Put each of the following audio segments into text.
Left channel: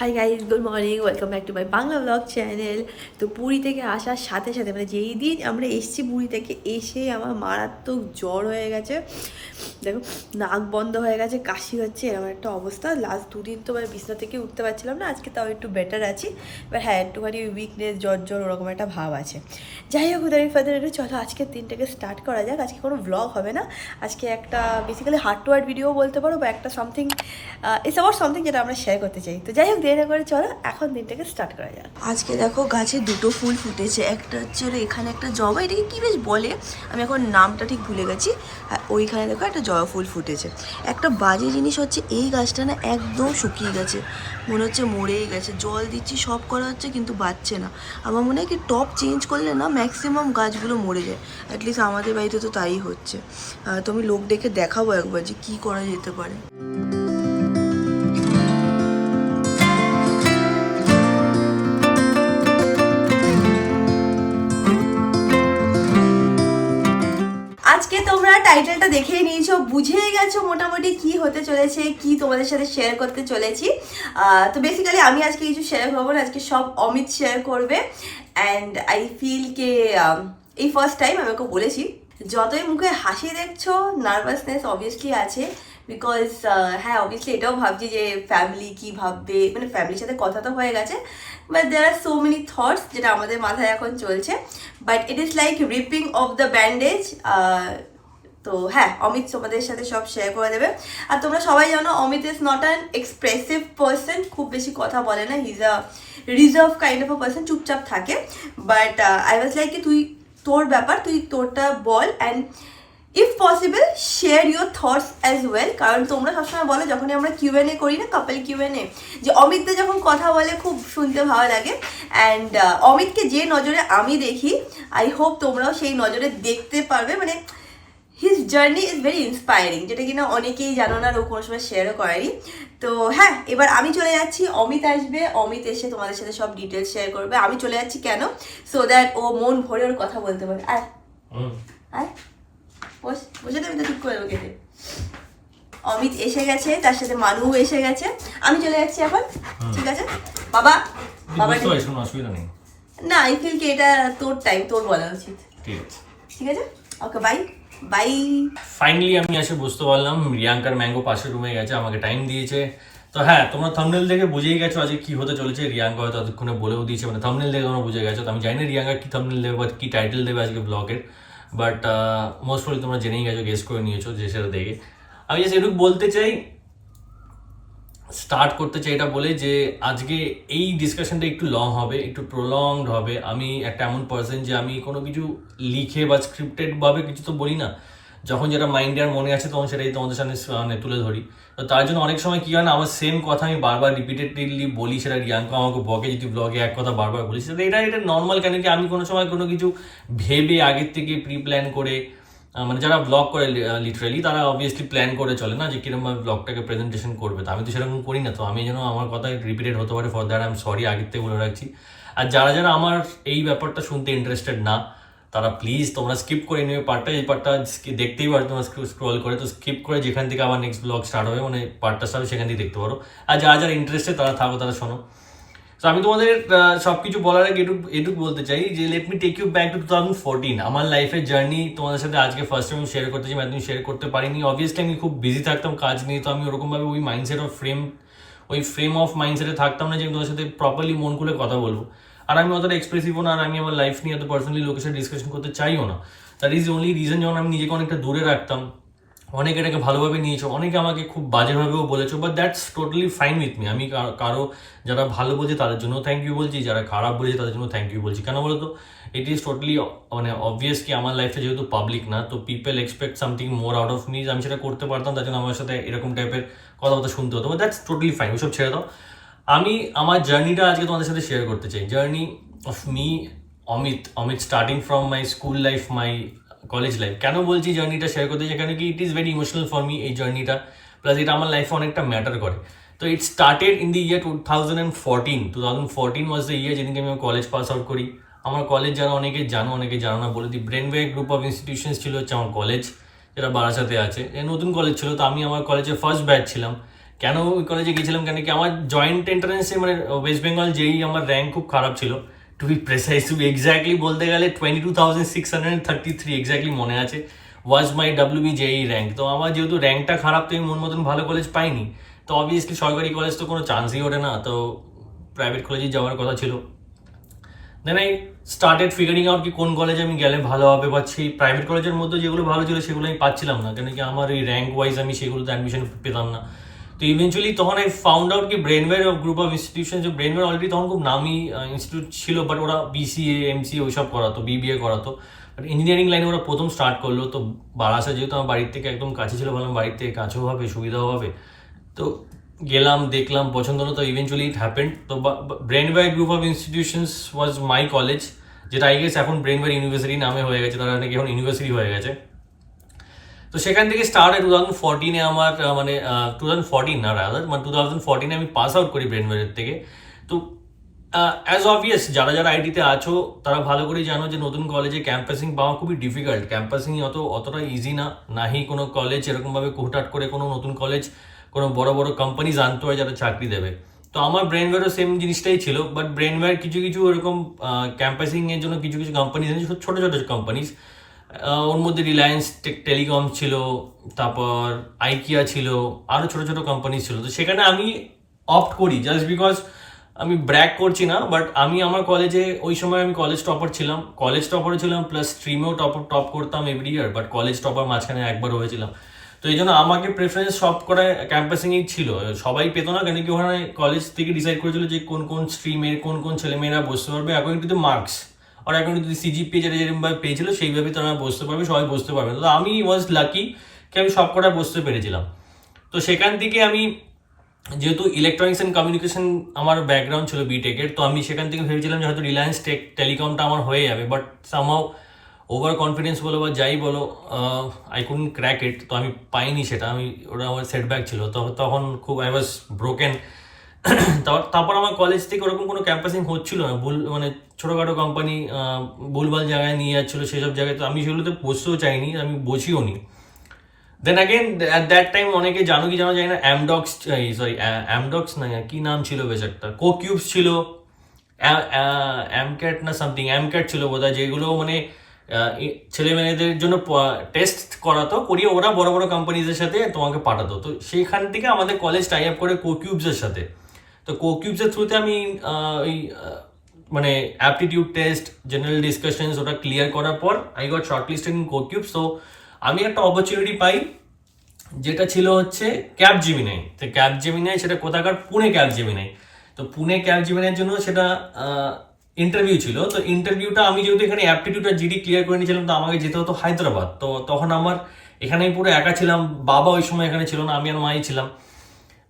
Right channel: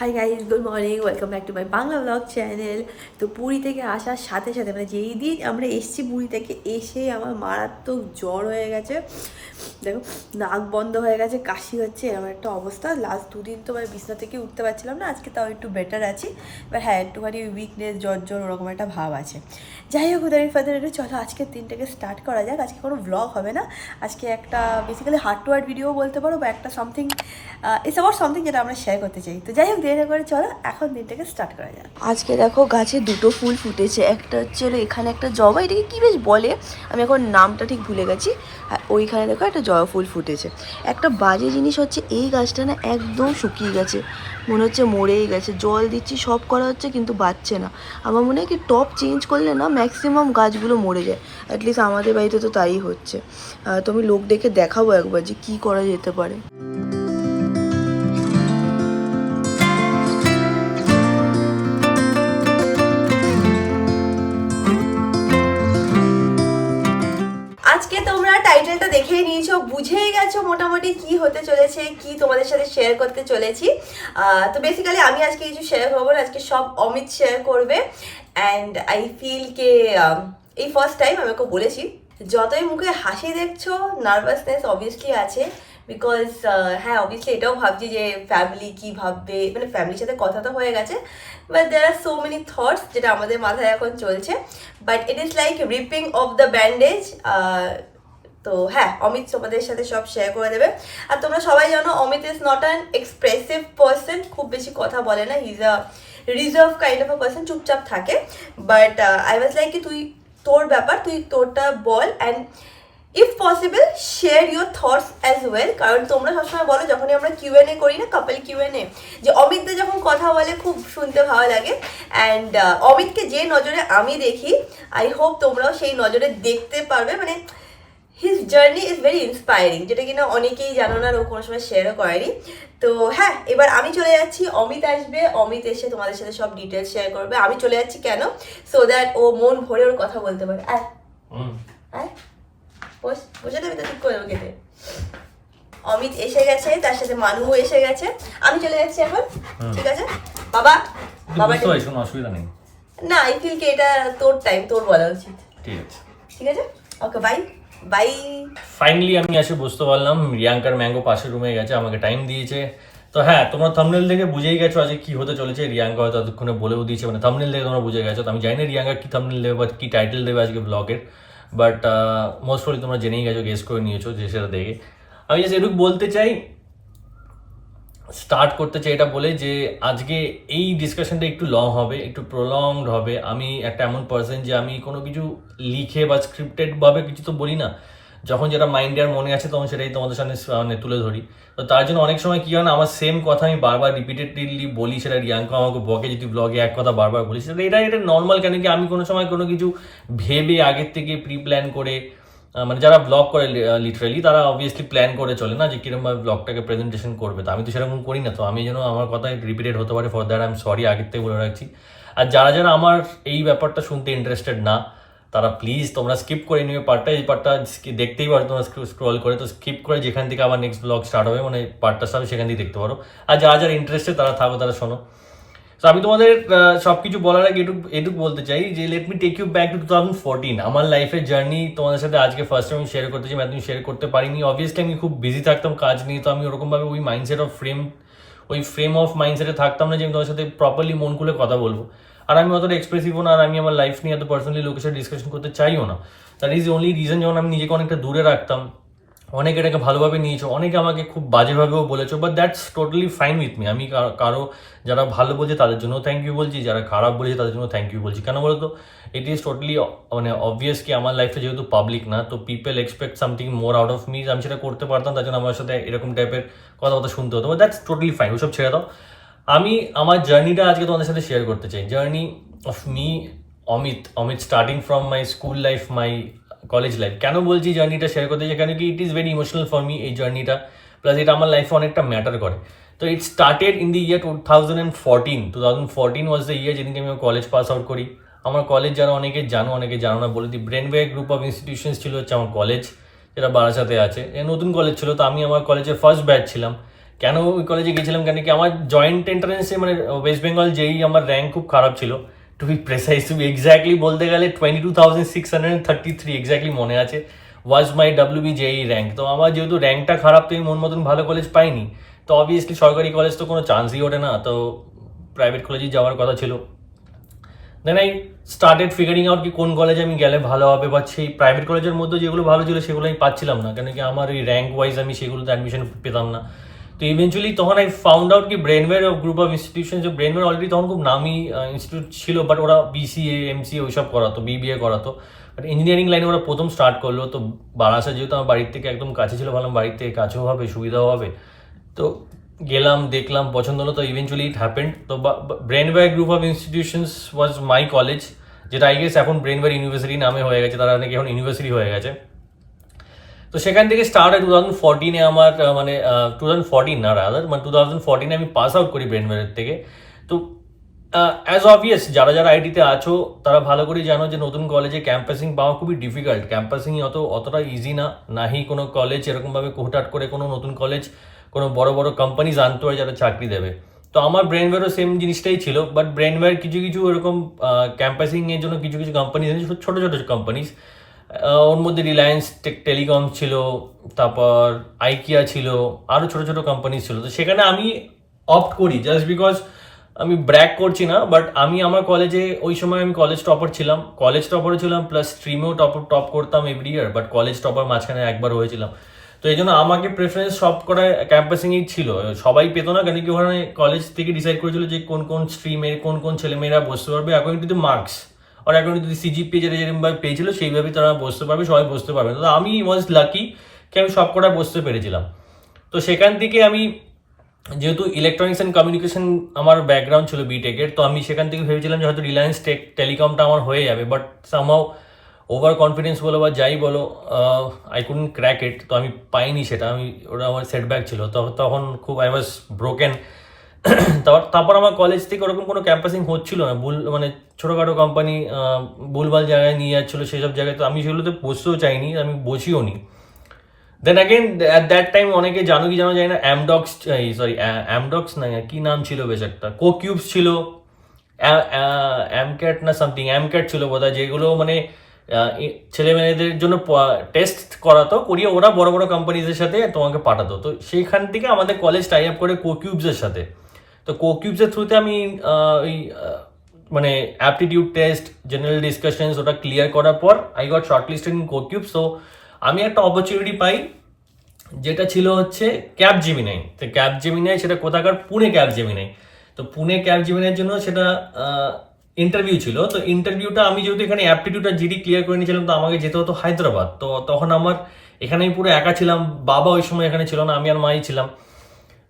Hi guys, good morning, welcome back to my Bangla blog channel. তো পুরী থেকে আসার সাথে সাথে মানে যেই দিন আমরা এসেছি পুরী থেকে এসে আমার মারাত্মক জ্বর হয়ে গেছে। দেখো, নাক বন্ধ হয়ে গেছে, কাশি হচ্ছে, এরকম একটা অবস্থা। লাস্ট দুদিন তো মানে বিছনা থেকে উঠতে পারছিলাম না, আজকে তাও একটু বেটার আছি। বাট হ্যাঁ, একটুখানি উইকনেস, জ্বর জ্বর ওরকম একটা ভাব আছে। যাই হোক, উদারি ফাদার একটু চলো আজকের দিনটাকে স্টার্ট করা যাক। আজকে কোনো ব্লগ হবে না, আজকে একটা basically heart to heart video বলতে পারো, বা একটা সামথিং ইটস অ্যাবাউট সামথিং যেটা আমরা শেয়ার করতে চাই। তো যাই হোক, দেরি করে চলো এখন দিনটাকে স্টার্ট করা যাক। আজকে দেখো গাছে দুটো ফুল ফুটেছে, একটা হচ্ছে এখানে একটা জবা, এটাকে কী বেশ বলে, আমি এখন নামটা ঠিক ভুলে গেছি। আর ওইখানে দেখো একটা জবা ফুল ফুটেছে। একটা বাজে জিনিস হচ্ছে এই গাছটা না একদম শুকিয়ে গেছে, মনে হচ্ছে মরেই গেছে। জল দিচ্ছি, সব করা হচ্ছে, কিন্তু বাঁচছে না। আমার মনে হয় কি টপ চেঞ্জ করলে না ম্যাক্সিমাম গাছগুলো মরে যায়। অ্যাটলিস্ট আমাদের বাড়িতে তো তাই হচ্ছে। তো আমি লোক ডেকে দেখাবো একবার যে কী করা যেতে পারে। আজকে তোমরা টাইটেলটা দেখেই নিয়েছো, বুঝেই গেছো মোটামুটি কি হতে চলেছে, কি তোমাদের সাথে শেয়ার করতে চলেছি। তো বেসিক্যালি আমি আজকে কিছু শেয়ার করবো না, আজকে সব অমিত শেয়ার করবে। অ্যান্ড আই ফিল কে এই ফার্স্ট টাইম আমি ওকে বলেছি, যতই মুখে হাসি দেখছো নার্ভাসনেস অবভিয়াসলি আছে। বিকজ হ্যাঁ, অবভিয়াসলি এটাও ভাবছি যে ফ্যামিলি কি ভাববে, মানে ফ্যামিলির সাথে কথা তো হয়ে গেছে, but there are so many thoughts যেটা আমাদের মাথায় এখন চলছে। But it is like ripping off the bandage. তো হ্যাঁ, অমিত তোমাদের সাথে সব শেয়ার করে দেবে। আর তোমরা সবাই জানো Amit is not an expressive person, খুব বেশি কথা বলে না, he is a reserve kind of a person, চুপচাপ থাকে। বাট আই ওয়াজ লাইক কি তুই তোর ব্যাপার, তুই তোরটা বল, and if possible share your thoughts as well. কারণ তোমরা সবসময় বলো যখনই আমরা কিউএনএ করি না, কাপল কিউএনএ, যে অমিতদা যখন কথা বলে খুব শুনতে ভালো লাগে। অ্যান্ড অমিতকে যে নজরে আমি দেখি, আই হোপ তোমরাও সেই নজরে দেখতে পারবে। মানে his journey is very inspiring, যেটা কিনা অনেকেই জানো না, ও কোনো সময় শেয়ারও করেনি। তো হ্যাঁ, এবার আমি চলে যাচ্ছি, অমিত আসবে, অমিত এসে তোমাদের সাথে সব ডিটেলস শেয়ার করবে। আমি চলে যাচ্ছি কেন, সো দ্যাট ও মন ভরে ওর কথা বলতে পারে। আর বসে দেবে তো ঠিক করে কেটে। অমিত এসে গেছে, তার সাথে মানু এসে গেছে, আমি চলে যাচ্ছি এখন। ঠিক আছে বাবা, বাবা কোনো অসুবিধা নেই। না, আই ফিল কি এটা তোর টাইম, তোর বলা উচিত। ঠিক আছে, ওকে, বাই বাই। ফাইনালি আমি এসে বুঝতে পারলাম রিয়াঙ্কার ম্যাঙ্গো পাশের রুমে গেছে, আমাকে টাইম দিয়েছে। তো হ্যাঁ, তোমরা থাম্বনেল দেখে বুঝেই গেছো আজকে কি হতে চলেছে। রিয়াঙ্কা হয়তো ততক্ষণে বলেও দিয়েছে, মানে থাম্বনেল দেখে তোমরা বুঝে গেছো। তো আমি জানি না রিয়াঙ্কা কি থাম্বনেল দেবে বা কি টাইটেল দেবে আজকে ব্লগের, বাট মোস্ট প্রবলি তোমরা জেনেই গেছো, গেস করে নিয়েছো যে সেটা দেখে। আমি জাস্ট এটুকু বলতে চাই, স্টার্ট করতে চাই এটা বলে যে আজকে এই ডিসকাশনটা একটু লং হবে, একটু প্রলংড হবে। আমি একটা এমন পার্সন যে আমি কোনো কিছু লিখে বা স্ক্রিপ্টেডভাবে কিছু তো বলি না, যখন যেটা মাইন্ডে আর মনে আছে তখন সেটাই তোমাদের সামনে মানে তুলে ধরি। তো তার জন্য অনেক সময় কী হয় না, আমার সেম কথা আমি বারবার রিপিটেডলি বলি, সেটা রিয়াঙ্কা আমাকে বকে যদি ব্লগে এক কথা বারবার বলি, সেটা এটা নর্মাল। কেন কি আমি কোনো সময় কোনো কিছু ভেবে আগের থেকে প্রি প্ল্যান করে, মানে যারা ব্লগ করে লিটারালি তারা অবভিয়াসলি প্ল্যান করে চলে না যে কিরকমভাবে ব্লগটাকে প্রেজেন্টেশন করবে। তো আমি তো সেরকম করি না, তো আমি যেন আমার কথা রিপিটেড হতে পারে, for that I am sorry, আগের থেকে বলে রাখছি। আর যারা যারা আমার এই ব্যাপারটা শুনতে ইন্টারেস্টেড না, তারা প্লিজ তোমরা স্কিপ করে নিও পার্টটা। এই পার্টটা দেখতেই পারো তোমরা স্ক্রল করে, তো স্কিপ করে যেখান থেকে আবার নেক্সট ব্লগ স্টার্ট হবে, মানে পার্টটা স্টার্ট হবে, সেখান থেকে দেখতে পারো। আর যারা যারা ইন্টারেস্টেড তারা থাকো, তারা শোনো। তো আমি তোমাদের সব কিছু বলার আগে এটুকু বলতে চাই যে let me take you back to 2014, আমার লাইফের জার্নি তোমাদের সাথে আজকে ফার্স্ট টাইম শেয়ার করতে চাই। আমি শেয়ার করতে পারিনি, অবভিয়াসলি আমি খুব বিজি থাকতাম কাজ নিয়ে। তো আমি ওরকমভাবে ওই ফ্রেম অফ মাইন্ডসেটে থাকতাম না যে আমি তোমাদের সাথে প্রপারলি মন খুলে কথা বলবো। আর আমি অতটা এক্সপ্রেসিভও না, আর আমি আমার লাইফ নিয়ে এত পার্সোনালি লোকের সাথে ডিসকাশন করতে চাইও না। দ্যাট ইজ অনলি রিজন, যখন আমি নিজেকে অনেকটা দূরে রাখতাম। অনেকে এটাকে ভালোভাবে নিয়েছো, অনেকে আমাকে খুব বাজেভাবেও বলেছো, but that's totally fine with me. আমি কারো যারা ভালো বলছে তাদের জন্য থ্যাংক ইউ বলছি, যারা খারাপ বলেছে তাদের জন্য থ্যাংক ইউ বলছি। কেন বলো তো, ইট ইজ টোটালি মানে অবভিয়াস কি আমার লাইফটা যেহেতু পাবলিক না, তো people expect something more out of me. আমি সেটা করতে পারতাম, তার জন্য আমার সাথে এরকম টাইপের কথাবার্তা শুনতে হতো, বাট দ্যাটস টোটালি ফাইন, ওসব ছেড়ে দাও। আমি আমার জার্নিটা আজকে তোমাদের সাথে শেয়ার করতে চাই। Journey of me Amit starting from my school life, my college life. কেন বলছি জার্নিটা শেয়ার করতে চাই, কেন কি it is very emotional for me এই জার্নিটা, প্লাস এটা আমার লাইফে অনেকটা ম্যাটার করে। তো it started in the year 2014 was the year যেদিনকে আমি কলেজ পাস আউট করি। আমার কলেজ যারা অনেকে জানো, অনেকে জানো না বলে দিই, ব্রেনওয়ে গ্রুপ অফ ইনস্টিটিউশনস ছিল হচ্ছে আমার কলেজ, যেটা বারাসাতে আছে। নতুন কলেজ ছিল, তো আমি আমার কলেজের ফার্স্ট ব্যাচ ছিলাম। কেন ওই কলেজে গেছিলাম কেন কি আমার জয়েন্ট এন্ট্রান্সে মানে ওয়েস্ট বেঙ্গল যেই আমার র্যাঙ্ক খুব খারাপ ছিল, to be precise, to be exactly বলতে গেলে 22,633 এক্স্যাক্টলি মনে আছে ওয়াজ মাই ডাব্লিউবি জেই র্যাঙ্ক। তো আমার যেহেতু র্যাঙ্কটা খারাপ, তো আমি মন মতন ভালো কলেজ পাইনি, তো অবভিয়াসলি সরকারি কলেজ তো কোনো চান্সই ওঠে না, তো প্রাইভেট কলেজেই যাওয়ার কথা ছিল। Then I started figuring out কি কোন কলেজে আমি গেলে ভালো হবে, বা সেই প্রাইভেট কলেজের মধ্যে যেগুলো ভালো ছিল সেগুলো আমি পাচ্ছিলাম না, কেন কি আমার এই র্যাঙ্ক ওয়াইজ আমি সেগুলোতে অ্যাডমিশন পেতাম না। তো ইভেনচুয়ালি তখন আই ফাউন্ড আউট কি ব্রেনওয়্যার গ্রুপ অফ ইনস্টিটিউশন, যে ব্রেনওয়্যার অলরেডি তখন খুব নামি ইনস্টিটিউট ছিল, বাট ওরা বিসিএ এমসিএ ওইসব করাতো, বিবিএ করাতো, বাট ইঞ্জিনিয়ারিং লাইনে ওরা প্রথম স্টার্ট করলো। তো বারাসা যেহেতু আমার বাড়ির থেকে একদম কাছে ছিল, ভাবলাম বাড়ির থেকে কাছেও হবে, সুবিধাও হবে, তো গেলাম, দেখলাম, পছন্দ হলো, তো ইভেনচুয়ালি ইট হ্যাপেন্ড। তো Brainware group of institutions was my college, যেটা আই গেস এখন ব্রেনওয়্যার ইউনিভার্সিটি নামে হয়ে গেছে, তারা নাকি এখন ইউনিভার্সিটি হয়ে গেছে। তো সেখান থেকে স্টার্ট হয় 2014-এ আমার মানে 2014 না রাদার, মানে 2014-এ আমি পাস আউট করি ব্রেনওয়্যারের থেকে। তো অ্যাজ অবভিয়াস যারা যারা আইটিতে আছো তারা ভালো করেই জানো যে নতুন কলেজে ক্যাম্পাসিং পাওয়া খুবই ডিফিকাল্ট, ক্যাম্পাসিং অতটা ইজি না, নাহি কোনো কলেজ এরকমভাবে হুটহাট করে কোনো নতুন কলেজ কোনো বড় বড় কোম্পানিজ আনতে হয় যারা চাকরি দেবে। তো আমার ব্রেনওয়্যারও সেম জিনিসটাই ছিল, বাট ব্রেনওয়্যার কিছু কিছু এরকম ক্যাম্পাসিংয়ের জন্য কিছু কিছু কোম্পানিজ আছে, ছোটো ছোটো কোম্পানিজ, ওর মধ্যে রিলায়েন্স টেলিকম ছিল, তারপর আইকিয়া ছিল, আরও ছোটো ছোটো কোম্পানি ছিল। তো সেখানে আমি অপ্ট করি জাস্ট বিকজ, আমি ব্র্যাক করছি না, বাট আমি আমার কলেজে ওই সময় আমি কলেজ টপার ছিলাম, প্লাস স্ট্রিমেও টপ করতাম every year, but college topper মাঝখানে একবার হয়েছিলাম। তো এই জন্য আমাকে প্রেফারেন্স সব করা ক্যাম্পাসিংই ছিল, সবাই পেতো না, কেন কি ওখানে কলেজ থেকে ডিসাইড করেছিল যে কোন কোন স্ট্রিমের কোন কোন ছেলেমেয়েরা বসতে পারবে অ্যাকর্ডিং টু দ্য মার্কস, আর এখন যদি সিজিপিএ যেটা যেরকমভাবে পেয়েছিল সেইভাবে তারা বসতে পারবে, সবাই বসতে পারবে। তো আমি ওয়াজ লাকি কি আমি সব কটা বসতে পেরেছিলাম। তো সেখান থেকে আমি, যেহেতু ইলেকট্রনিক্স অ্যান্ড কমিউনিকেশন আমার ব্যাকগ্রাউন্ড ছিল বিটেকের, তো আমি সেখান থেকে ভেবেছিলাম যে হয়তো রিলায়েন্স টেলিকমটা আমার হয়ে যাবে, বাট সামহাউ ওভার কনফিডেন্স বলো বা যাই বলো, আই কুডন্ট ক্র্যাক ইট। তো আমি পাইনি সেটা, ওটা আমার সেটব্যাক ছিল, তখন খুব আই ওয়াজ ব্রোকেন। তারপর আমার কলেজ থেকে ওরকম কোনো ক্যাম্পাসিং হচ্ছিল না, মানে ছোটোখাটো কোম্পানি ভুলভাল জায়গায় নিয়ে যাচ্ছিলো, সেসব জায়গায় তো আমি সেগুলোতে বসতেও চাইনি, আমি বসিও নি। Then again at that time অনেকে জানো যায় না, অ্যামডক্স না কি নাম ছিল বেশ একটা, কোকিউবস ছিল, অ্যামক্যাট না সামথিং, অ্যামক্যাট ছিল বোধহয়, যেগুলো মানে ছেলে মেয়েদের জন্য টেস্ট করিয়ে ওরা বড় বড় কোম্পানিজের সাথে তোমাকে পাঠাতো। তো সেইখান থেকে আমাদের কলেজ টাই আপ করে কোকিউবসের সাথে। তো কোকিউবসের থ্রুতে আমি ওই মানে অ্যাপটিটিউড টেস্ট, জেনারেল ডিসকাশনস ওটা ক্লিয়ার করার পর আই গট শর্টলিস্টেড ইন কোকিউবস। তো আমি একটা অপরচুনিটি পাই, যেটা ছিল হচ্ছে ক্যাপজেমিনাই। তো ক্যাপজেমিনাই সেটা কোথাকার, পুনে ক্যাপজেমিনাই। তো পুনে ক্যাপজেমিনাইয়ের জন্য সেটা ইন্টারভিউ ছিল। তো ইন্টারভিউটা আমি যেহেতু এখানে অ্যাপটিটিউড আর জিডি ক্লিয়ার করে নিয়েছিলাম, তো আমাকে যেতে হতো হায়দ্রাবাদ। তো তখন আমার এখানে আমি পুরো একা ছিলাম, বাবা ওই সময় এখানে ছিল না, আমি আর মাই ছিলাম।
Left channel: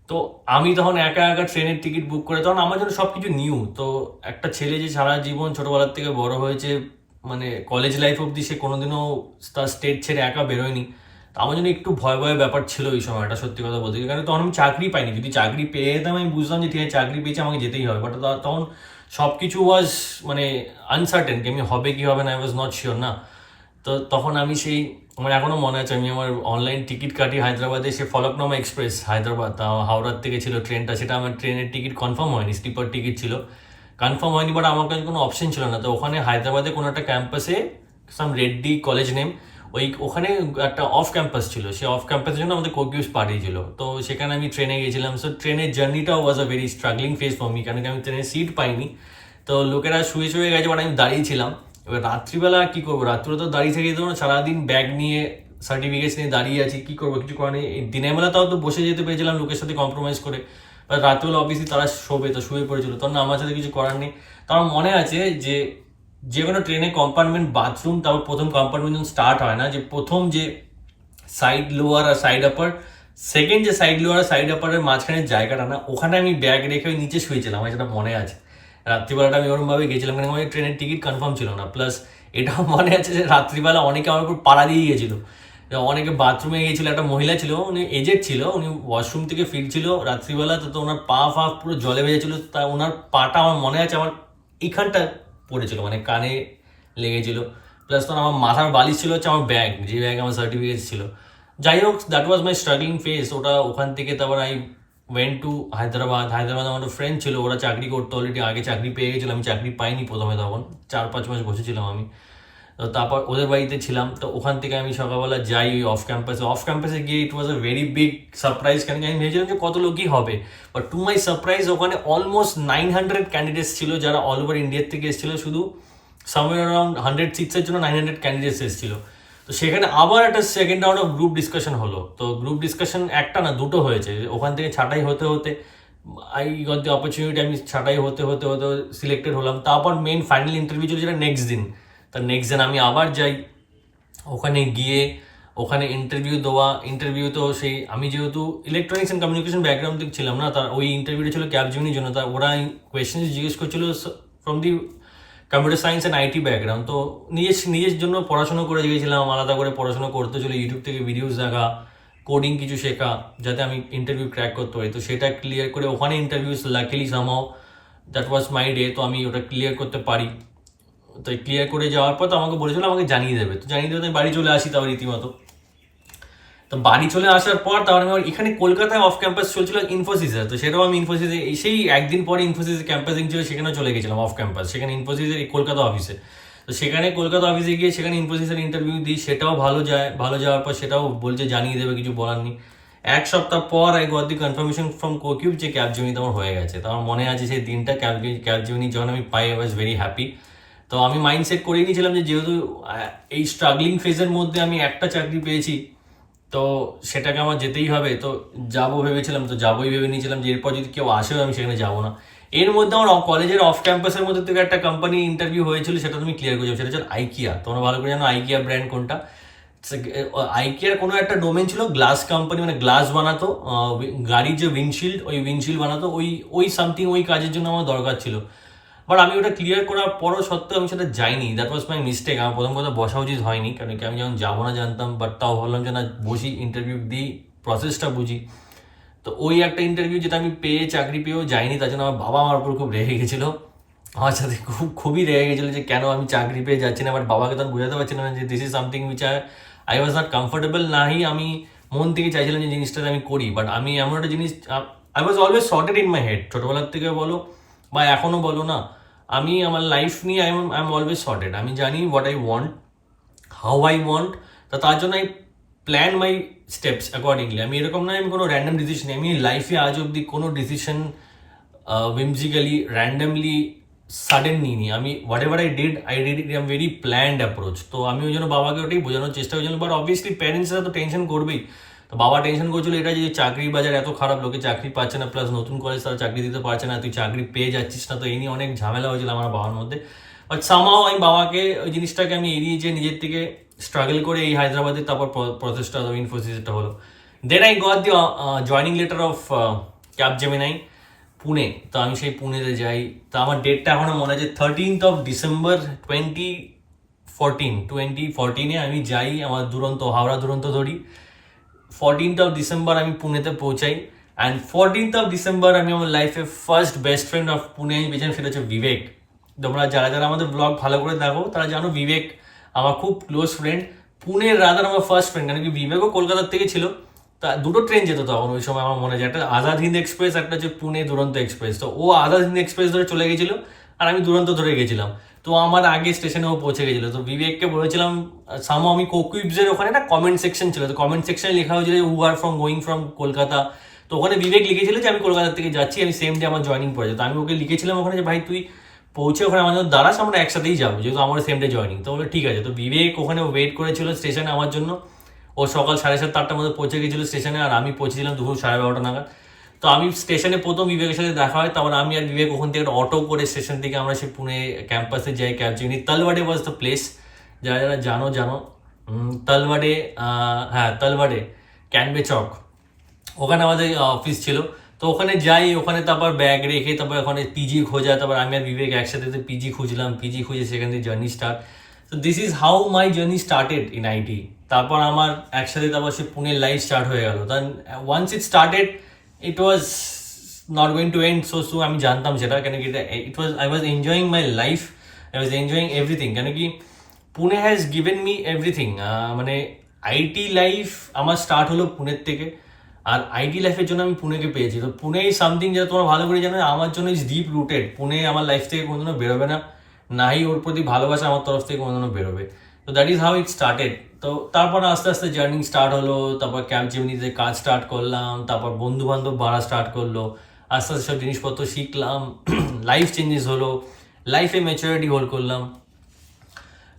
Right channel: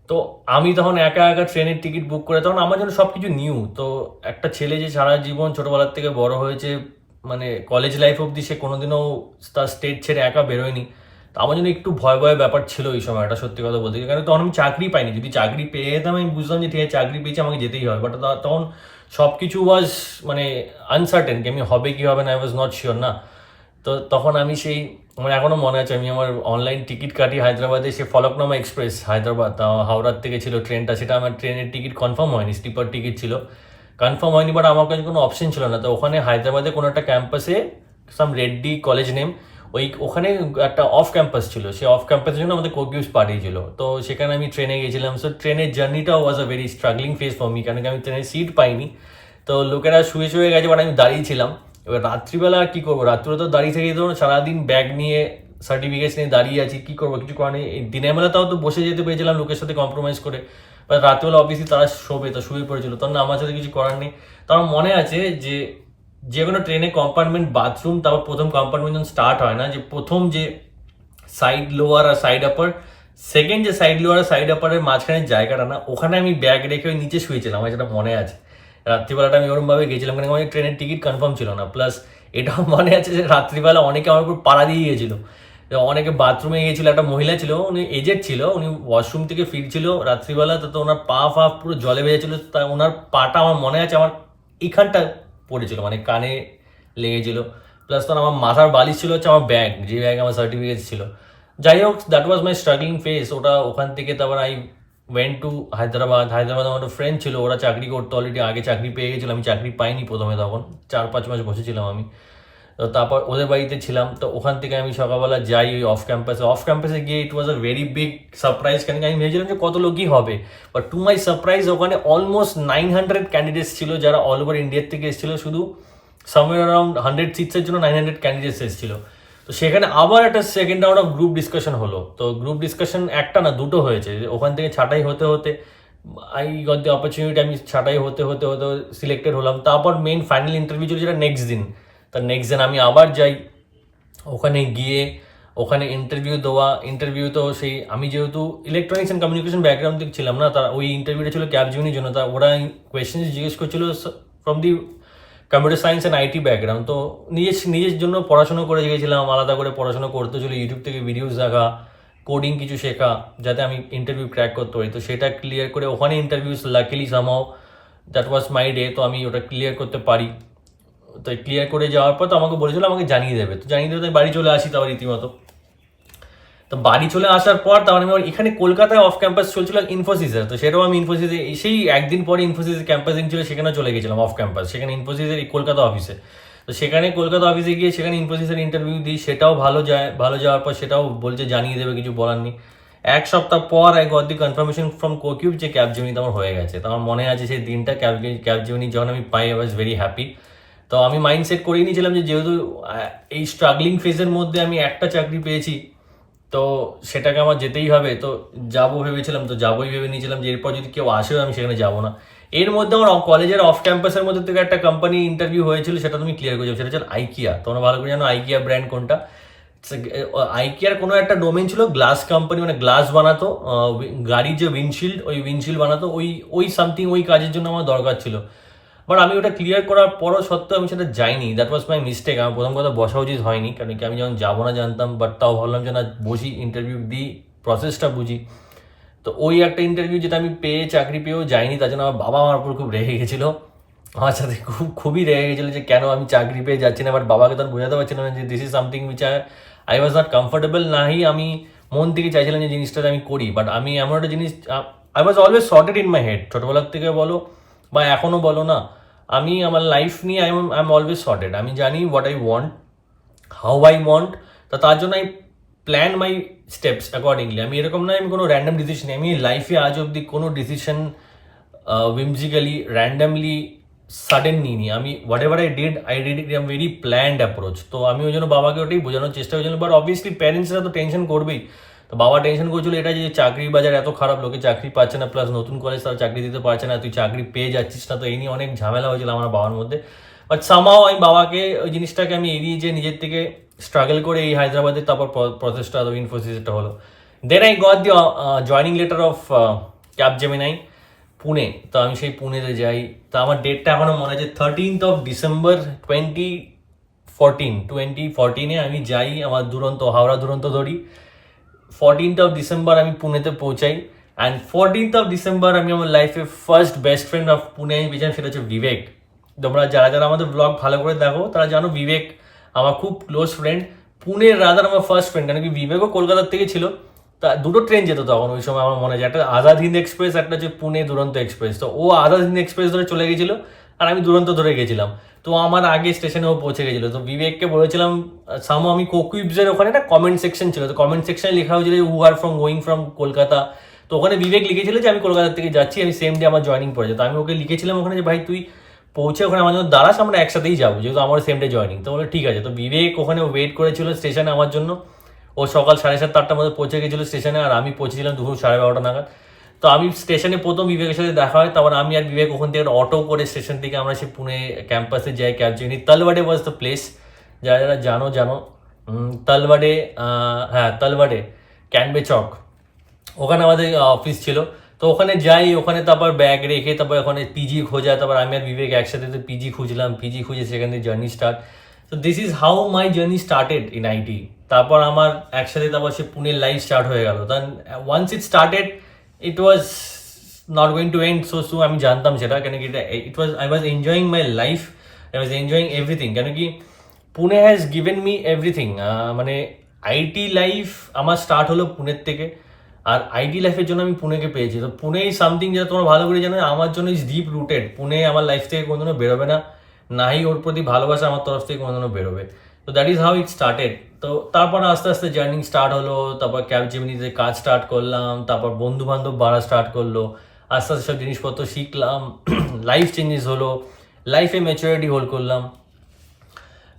তো আমি তখন একা একা ট্রেনের টিকিট বুক করে, তখন আমার জন্য সব কিছু নিউ। তো একটা ছেলে যে সারা জীবন ছোটোবেলার থেকে বড় হয়েছে, মানে কলেজ লাইফ অবধি সে কোনোদিনও তার স্টেট ছেড়ে একা বেরোয়নি, তো আমার জন্য একটু ভয় ভয় ব্যাপার ছিল ওই সময়, একটা সত্যি কথা বলতে, কারণ তখন আমি চাকরি পাইনি। যদি চাকরি পেয়ে যেতাম আমি বুঝতাম যে ঠিক আছে চাকরি পেয়েছি, আমাকে যেতেই হবে, বাট তখন সব কিছু ওয়াজ মানে আনসার্টেন, কি আমি হবে কি হবে না, আই ওয়াজ নট শিওর না। তো তখন আমি সেই, আমার এখনও মনে আছে, আমি আমার অনলাইন টিকিট কাটি হায়দ্রাবাদে, সে ফলকনামা এক্সপ্রেস হায়দ্রাবাদ, হাওড়ার থেকে ছিল ট্রেনটা, সেটা আমার ট্রেনের টিকিট কনফার্ম হয়নি, স্লিপার টিকিট ছিল, কনফার্ম হয়নি, বাট আমার কাছে কোনো অপশন ছিল না। তো ওখানে হায়দ্রাবাদে কোনো একটা ক্যাম্পাসে, সাম রেড্ডি কলেজ নেম, ওখানে একটা অফ ক্যাম্পাস ছিল, সেই অফ ক্যাম্পাসের জন্য আমাদের কোকিউবস পাঠিয়েছিল। তো সেখানে আমি ট্রেনে গেছিলাম। সো ট্রেনের জার্নিটাও was a very struggling phase for me, কারণ আমি ট্রেনের সিট পাইনি। তো লোকেরা শুয়ে গেছে, বাট আমি দাঁড়িয়েছিলাম। এবার রাত্রিবেলা কী করবো, রাত্রিবেলা তো দাঁড়িয়ে থেকে যেত না, সারাদিন ব্যাগ নিয়ে সার্টিফিকেটস নিয়ে দাঁড়িয়ে আছি, কী করবো, কিছু করার নেই। দিনের বেলা তাও তো বসে যেতে পেরেছিলাম লোকের সাথে কম্প্রোমাইজ করে, বা রাত্রিবেলা অবভিয়াসলি তারা শোবে, তো শুয়ে পড়েছিল, তখন আমার সাথে কিছু করার নেই। তো আমার মনে আছে যে কোনো ট্রেনে কম্পার্টমেন্ট বাথরুম, তারপর প্রথম কম্পার্টমেন্ট যখন স্টার্ট হয় না, যে প্রথম যে সাইড লোয়ার আর সাইড আপার, সেকেন্ড যে সাইড লোয়ার আর সাইড আপারের মাঝখানে জায়গাটা না, ওখানে আমি ব্যাগ রেখে ওই নিচে শুয়েছিলাম, আমার যেটা মনে আছে। রাত্রিবেলাটা আমি ওরমভাবে গেছিলাম, কারণ আমার ট্রেনের টিকিট কনফার্ম ছিল না। প্লাস এটাও মনে আছে যে রাত্রিবেলা অনেকে আমার উপর পাড়া দিয়ে গিয়েছিল, অনেকে বাথরুমে গিয়েছিল, একটা মহিলা ছিল, উনি এজেড ছিল, উনি ওয়াশরুম থেকে ফিরছিল রাত্রিবেলা, তো ওনার পা পুরো জলে ভেজেছিল। তা ওনার পাটা আমার মনে আছে আমার এইখানটা পড়েছিল, মানে কানে লেগেছিল। প্লাস তখন আমার মাথার বালিশ ছিল হচ্ছে আমার ব্যাগ, যে ব্যাগ আমার সার্টিফিকেট ছিল। যাই হোক, that was my struggling phase. ওখান থেকে তারপর ওয়েন্ট টু হায়দ্রাবাদ। আমার একটা ফ্রেন্ড ছিল, ওরা চাকরি করতো অলরেডি, আগে চাকরি পেয়ে গেছিলো, আমি চাকরি পাইনি প্রথমে, তখন 4-5 মাস বসেছিলাম আমি। তো তারপর ওদের বাড়িতে ছিলাম, তো ওখান থেকে আমি সকালবেলা যাই ওই অফ ক্যাম্পাসে গিয়ে ইট ওয়াজ আ ভেরি বিগ সারপ্রাইজ, কেন কি আমি ভেবেছিলাম যে কত লোকই হবে, বাট টু মাই সারপ্রাইজ ওখানে অলমোস্ট 900 ক্যান্ডিডেটস ছিল, যারা অল ওভার ইন্ডিয়ার থেকে এসেছিল, শুধু সামওয়্যার অ্যারাউন্ড 100 সিটসের জন্য 900 ক্যান্ডিডেটস এসেছিল। তো সেখানে আবার একটা second round of group discussion হলো। তো গ্রুপ ডিসকাশন একটা না, দুটো হয়েছে। ওখান থেকে ছাঁটাই হতে হতে আই গট দ্য অপরচুনিটি, আমি ছাঁটাই হতে হতে হতে সিলেক্টেড হলাম। তারপর মেইন ফাইনাল ইন্টারভিউ ছিল, যেটা নেক্সট দিন। তার নেক্সট দিন আমি আবার যাই, ওখানে গিয়ে ওখানে ইন্টারভিউ দেওয়া। ইন্টারভিউ তো সেই, আমি যেহেতু ইলেকট্রনিক্স অ্যান্ড কমিউনিকেশন ব্যাকগ্রাউন্ড থেকে ছিলাম না, তার ওই ইন্টারভিউটা ছিল ক্যাপজেমিনির জন্য। তা ওরা কোয়েশ্চেন জিজ্ঞেস করছিল from the computer science and IT background. তো নিজের জন্য পড়াশোনা করে গিয়েছিলাম, আলাদা করে পড়াশোনা করতে ছিল, ইউটিউব থেকে ভিডিওস দেখা, কোডিং কিছু শেখা, যাতে আমি ইন্টারভিউ ক্র্যাক করতে পারি। তো সেটা ক্লিয়ার করে ওখানে interviews luckily somehow that was my day, তো আমি ওটা ক্লিয়ার করতে পারি। তো ক্লিয়ার করে যাওয়ার পর তো আমাকে বলেছিল আমাকে জানিয়ে দেবে, তো জানিয়ে দেবে, তো বাড়ি চলে আসি তারপর রীতিমতো। তো বাড়ি চলে আসার পর তারপর আমি এখানে কলকাতায় অফ ক্যাম্পাস চলছিল ইনফোসিসের, তো সেটাও আমি ইনফোসিসে সেই একদিন পরে ইনফোসিসের ক্যাম্পাসিং ছিল, সেখানে চলে গেছিলাম অফ ক্যাম্পাস, সেখানে ইনফোসিসের কলকাতা অফিসে। তো সেখানে কলকাতা অফিসে গিয়ে সেখানে ইনফোসিসের ইন্টারভিউ দিই, সেটাও ভালো যায়। ভালো যাওয়ার পর সেটাও বলছে জানিয়ে দেবে, কিছু বলার নেই। এক সপ্তাহ পর I got the confirmation from CoCubes যে ক্যাপজেমিনি আমার হয়ে গেছে। তো আমার মনে আছে সেই দিনটা, ক্যাপজেমিনি যখন আমি পাই, আই ওয়াজ ভেরি হ্যাপি। তো আমি মাইন্ডসেট করে নিয়েছিলাম যে যেহেতু এই স্ট্রাগলিং ফেজের মধ্যে আমি একটা চাকরি পেয়েছি, তো সেটাকে আমার যেতেই হবে। তো যাবো ভেবেছিলাম, তো যাবোই ভেবে নিয়েছিলাম যে এরপর যদি কেউ আসেও আমি সেখানে যাবো না। এর মধ্যে আমার কলেজের অফ ক্যাম্পাসের মধ্যে থেকে একটা কোম্পানি ইন্টারভিউ হয়েছিল, সেটা তুমি ক্লিয়ার করে যাও। সেটা হচ্ছে আইকিয়া। তোমরা ভালো করে জানো আইকিয়া ব্র্যান্ড কোনটা। আইকিয়ার কোনো একটা ডোমেন ছিল গ্লাস কোম্পানি, মানে গ্লাস বানাতো, গাড়ির যে উইন্ডশিল্ড, ওই উইন্ডশিল্ড বানাতো, ওই সামথিং ওই কাজের জন্য আমার দরকার ছিল। বাট আমি ওটা ক্লিয়ার করার পরও সত্ত্বেও আমি সেটা যাইনি। That was my mistake. আমার প্রথম কথা বসা উচিত হয়নি, কারণ কি আমি যখন যাবো না জানতাম, বাট তাও ভাবলাম যে না, বসি, ইন্টারভিউ দিই, প্রসেসটা বুঝি। তো ওই একটা ইন্টারভিউ যেটা আমি চাকরি পেয়েও যাইনি, তার জন্য আমার বাবা আমার উপর খুব রেগে গেছিলো, আমার সাথে খুবই রেগে গেছিলো যে কেন আমি চাকরি পেয়ে যাচ্ছি না। বাট বাবাকে তখন বোঝাতে পারছিলাম না যে this is something which I was not comfortable. নাহি আমি মন থেকে চাইছিলাম যে জিনিসটা আমি করি, বাট আমি এমন একটা জিনিস, I was always sorted in my head, ছোটোবেলার থেকে বলো বা এখনও বলো না, আমি আমার লাইফ নিয়ে আই এম অলওয়েজ সর্টেড। আমি জানি what I want, how I want. তো তার জন্য I plan my steps accordingly. আমি এরকম নয় আমি কোনো র্যান্ডাম ডিসিশন, আমি লাইফে আজ অব্দি কোনো ডিসিশন whimsically র্যান্ডামলি সাডেন নিইনি। আমি what ever I did it am very planned approach. তো আমি ওই জন্য বাবাকে ওটাই বোঝানোর চেষ্টা করেছিলাম। বাট অবভিয়াসলি প্যারেন্টসরা তো টেনশন করবেই। তো বাবা টেনশন করছিল এটা যে চাকরির বাজার এত খারাপ, লোকে চাকরি পাচ্ছে না, প্লাস নতুন কলেজ তারা চাকরি দিতে পারছে না, তুই চাকরি পেয়ে যাচ্ছিস না। তো এই নিয়ে অনেক ঝামেলা হয়েছিল আমার বাবার মধ্যে। বাট সামহাও আমি বাবাকে ওই জিনিসটাকে আমি এড়িয়ে যে নিজের থেকে স্ট্রাগল করে এই হায়দ্রাবাদের তারপর প্রসেসটা ইনফোসিসটা হলো। Then I got the joining letter of Capgemini Pune. তো আমি সেই পুনেতে যাই। তো আমার ডেটটা এখনো মনে আছে, 13th of December 2014 আমি যাই, আমার হাওড়া দুরন্ত ধরি। 14th of December আমি পুনেতে পৌঁছাই। অ্যান্ড 14th of December আমি আমার লাইফে first best friend of Pune আমি পেয়েছিলাম, সেটা হচ্ছে বিবেক। তোমরা যারা যারা আমাদের ব্লগ ভালো করে দেখো তারা জানো বিবেক আমার খুব ক্লোজ ফ্রেন্ড, পুনের রাদার আমার ফার্স্ট ফ্রেন্ড। কারণ কি বিবেকও কলকাতার থেকে ছিল। তা দুটো ট্রেন যেত তখন ওই সময়, আমার মনে হয় একটা আজাদ হিন্দ এক্সপ্রেস, একটা হচ্ছে পুনে দুরন্ত এক্সপ্রেস। তো ও আজাদ হিন্দ এক্সপ্রেস ধরে চলে গেছিলো আর আমি দুরন্ত ধরে গেছিলাম। তো আমার আগে স্টেশনে ও পৌঁছে গেছিলো। তো বিবেককে বলেছিলাম সামো, আমি কোকুইবসের ওখানে একটা কমেন্ট সেকশন ছিল, তো কমেন্ট সেকশনে লেখা হয়েছিল হু আর গোয়িং ফ্রম কলকাতা। তো ওখানে বিবেক লিখেছিল যে আমি কলকাতা থেকে যাচ্ছি, আমি সেম ডে আমার জয়নিং পড়েছে। তো আমি ওকে লিখেছিলাম ওখানে যে ভাই তুই পৌঁছে ওখানে আমার জন্য দাঁড়াস, আমরা একসাথেই যাবো, যেহেতু আমার সেম ডে জয়নিং। তো বলে ঠিক আছে। তো বিবেক ওখানে ওয়েট করেছিল স্টেশনে আমার জন্য। ও সকাল 7:30-8টার মধ্যে পৌঁছে গেছিলো স্টেশনে, আর আমি পৌঁছেছিলাম দুপুর 12:30 নাগাদ। তো আমি স্টেশনে প্রথম বিবেকের সাথে দেখা হয়, তারপর আমি আর বিবেক ওখান থেকে একটা অটো করে স্টেশন থেকে আমরা সেই পুনে ক্যাম্পাসে যাই ক্যাপজেমিনি। তালবাডে ওয়াজ দ্য প্লেস, যারা যারা জানো তালবাডে, হ্যাঁ তালবাডে, ক্যানবে চক, ওখানে আমাদের অফিস ছিল। তো ওখানে যাই, ওখানে তারপর ব্যাগ রেখে তারপর ওখানে পিজি খোঁজা, তারপর আমি আর বিবেক একসাথে তো পিজি খুঁজলাম, পিজি খুঁজে সেখান থেকে জার্নি স্টার্ট। তো this is how my journey started in IT. তারপর আমার একসাথে তারপর সে পুনের লাইফ স্টার্ট হয়ে গেল। Then once it started it was not going to end so soon. আমি জানতাম সেটা, কেন কি I was enjoying my life, I was enjoying everything. কেন কি Pune has given me everything. মানে আইটি লাইফ আমার স্টার্ট হলো পুনের থেকে। আর আইটি লাইফের জন্য আমি পুনেকে পেয়েছি। তো পুনে ইজ সামথিং যেটা তোমরা ভালো করে জানো, আমার জন্য ইজ ডিপ রুটেড। পুনে আমার লাইফ থেকে কোনোদিনও বেরোবে না, নাই ওর প্রতি ভালোবাসা আমার তরফ থেকে কোনোদিনও বেরোবে। তো that is how it started. তো তারপর আস্তে আস্তে জার্নি স্টার্ট হলো, তারপর ক্যাপজেমিনিতে কাজ স্টার্ট করলাম, তারপর বন্ধু বান্ধব বাড়া স্টার্ট করলো, আস্তে আস্তে সব জিনিসপত্র শিখলাম, লাইফ চেঞ্জেস হলো, লাইফে ম্যাচুরিটি হোল্ড করলাম।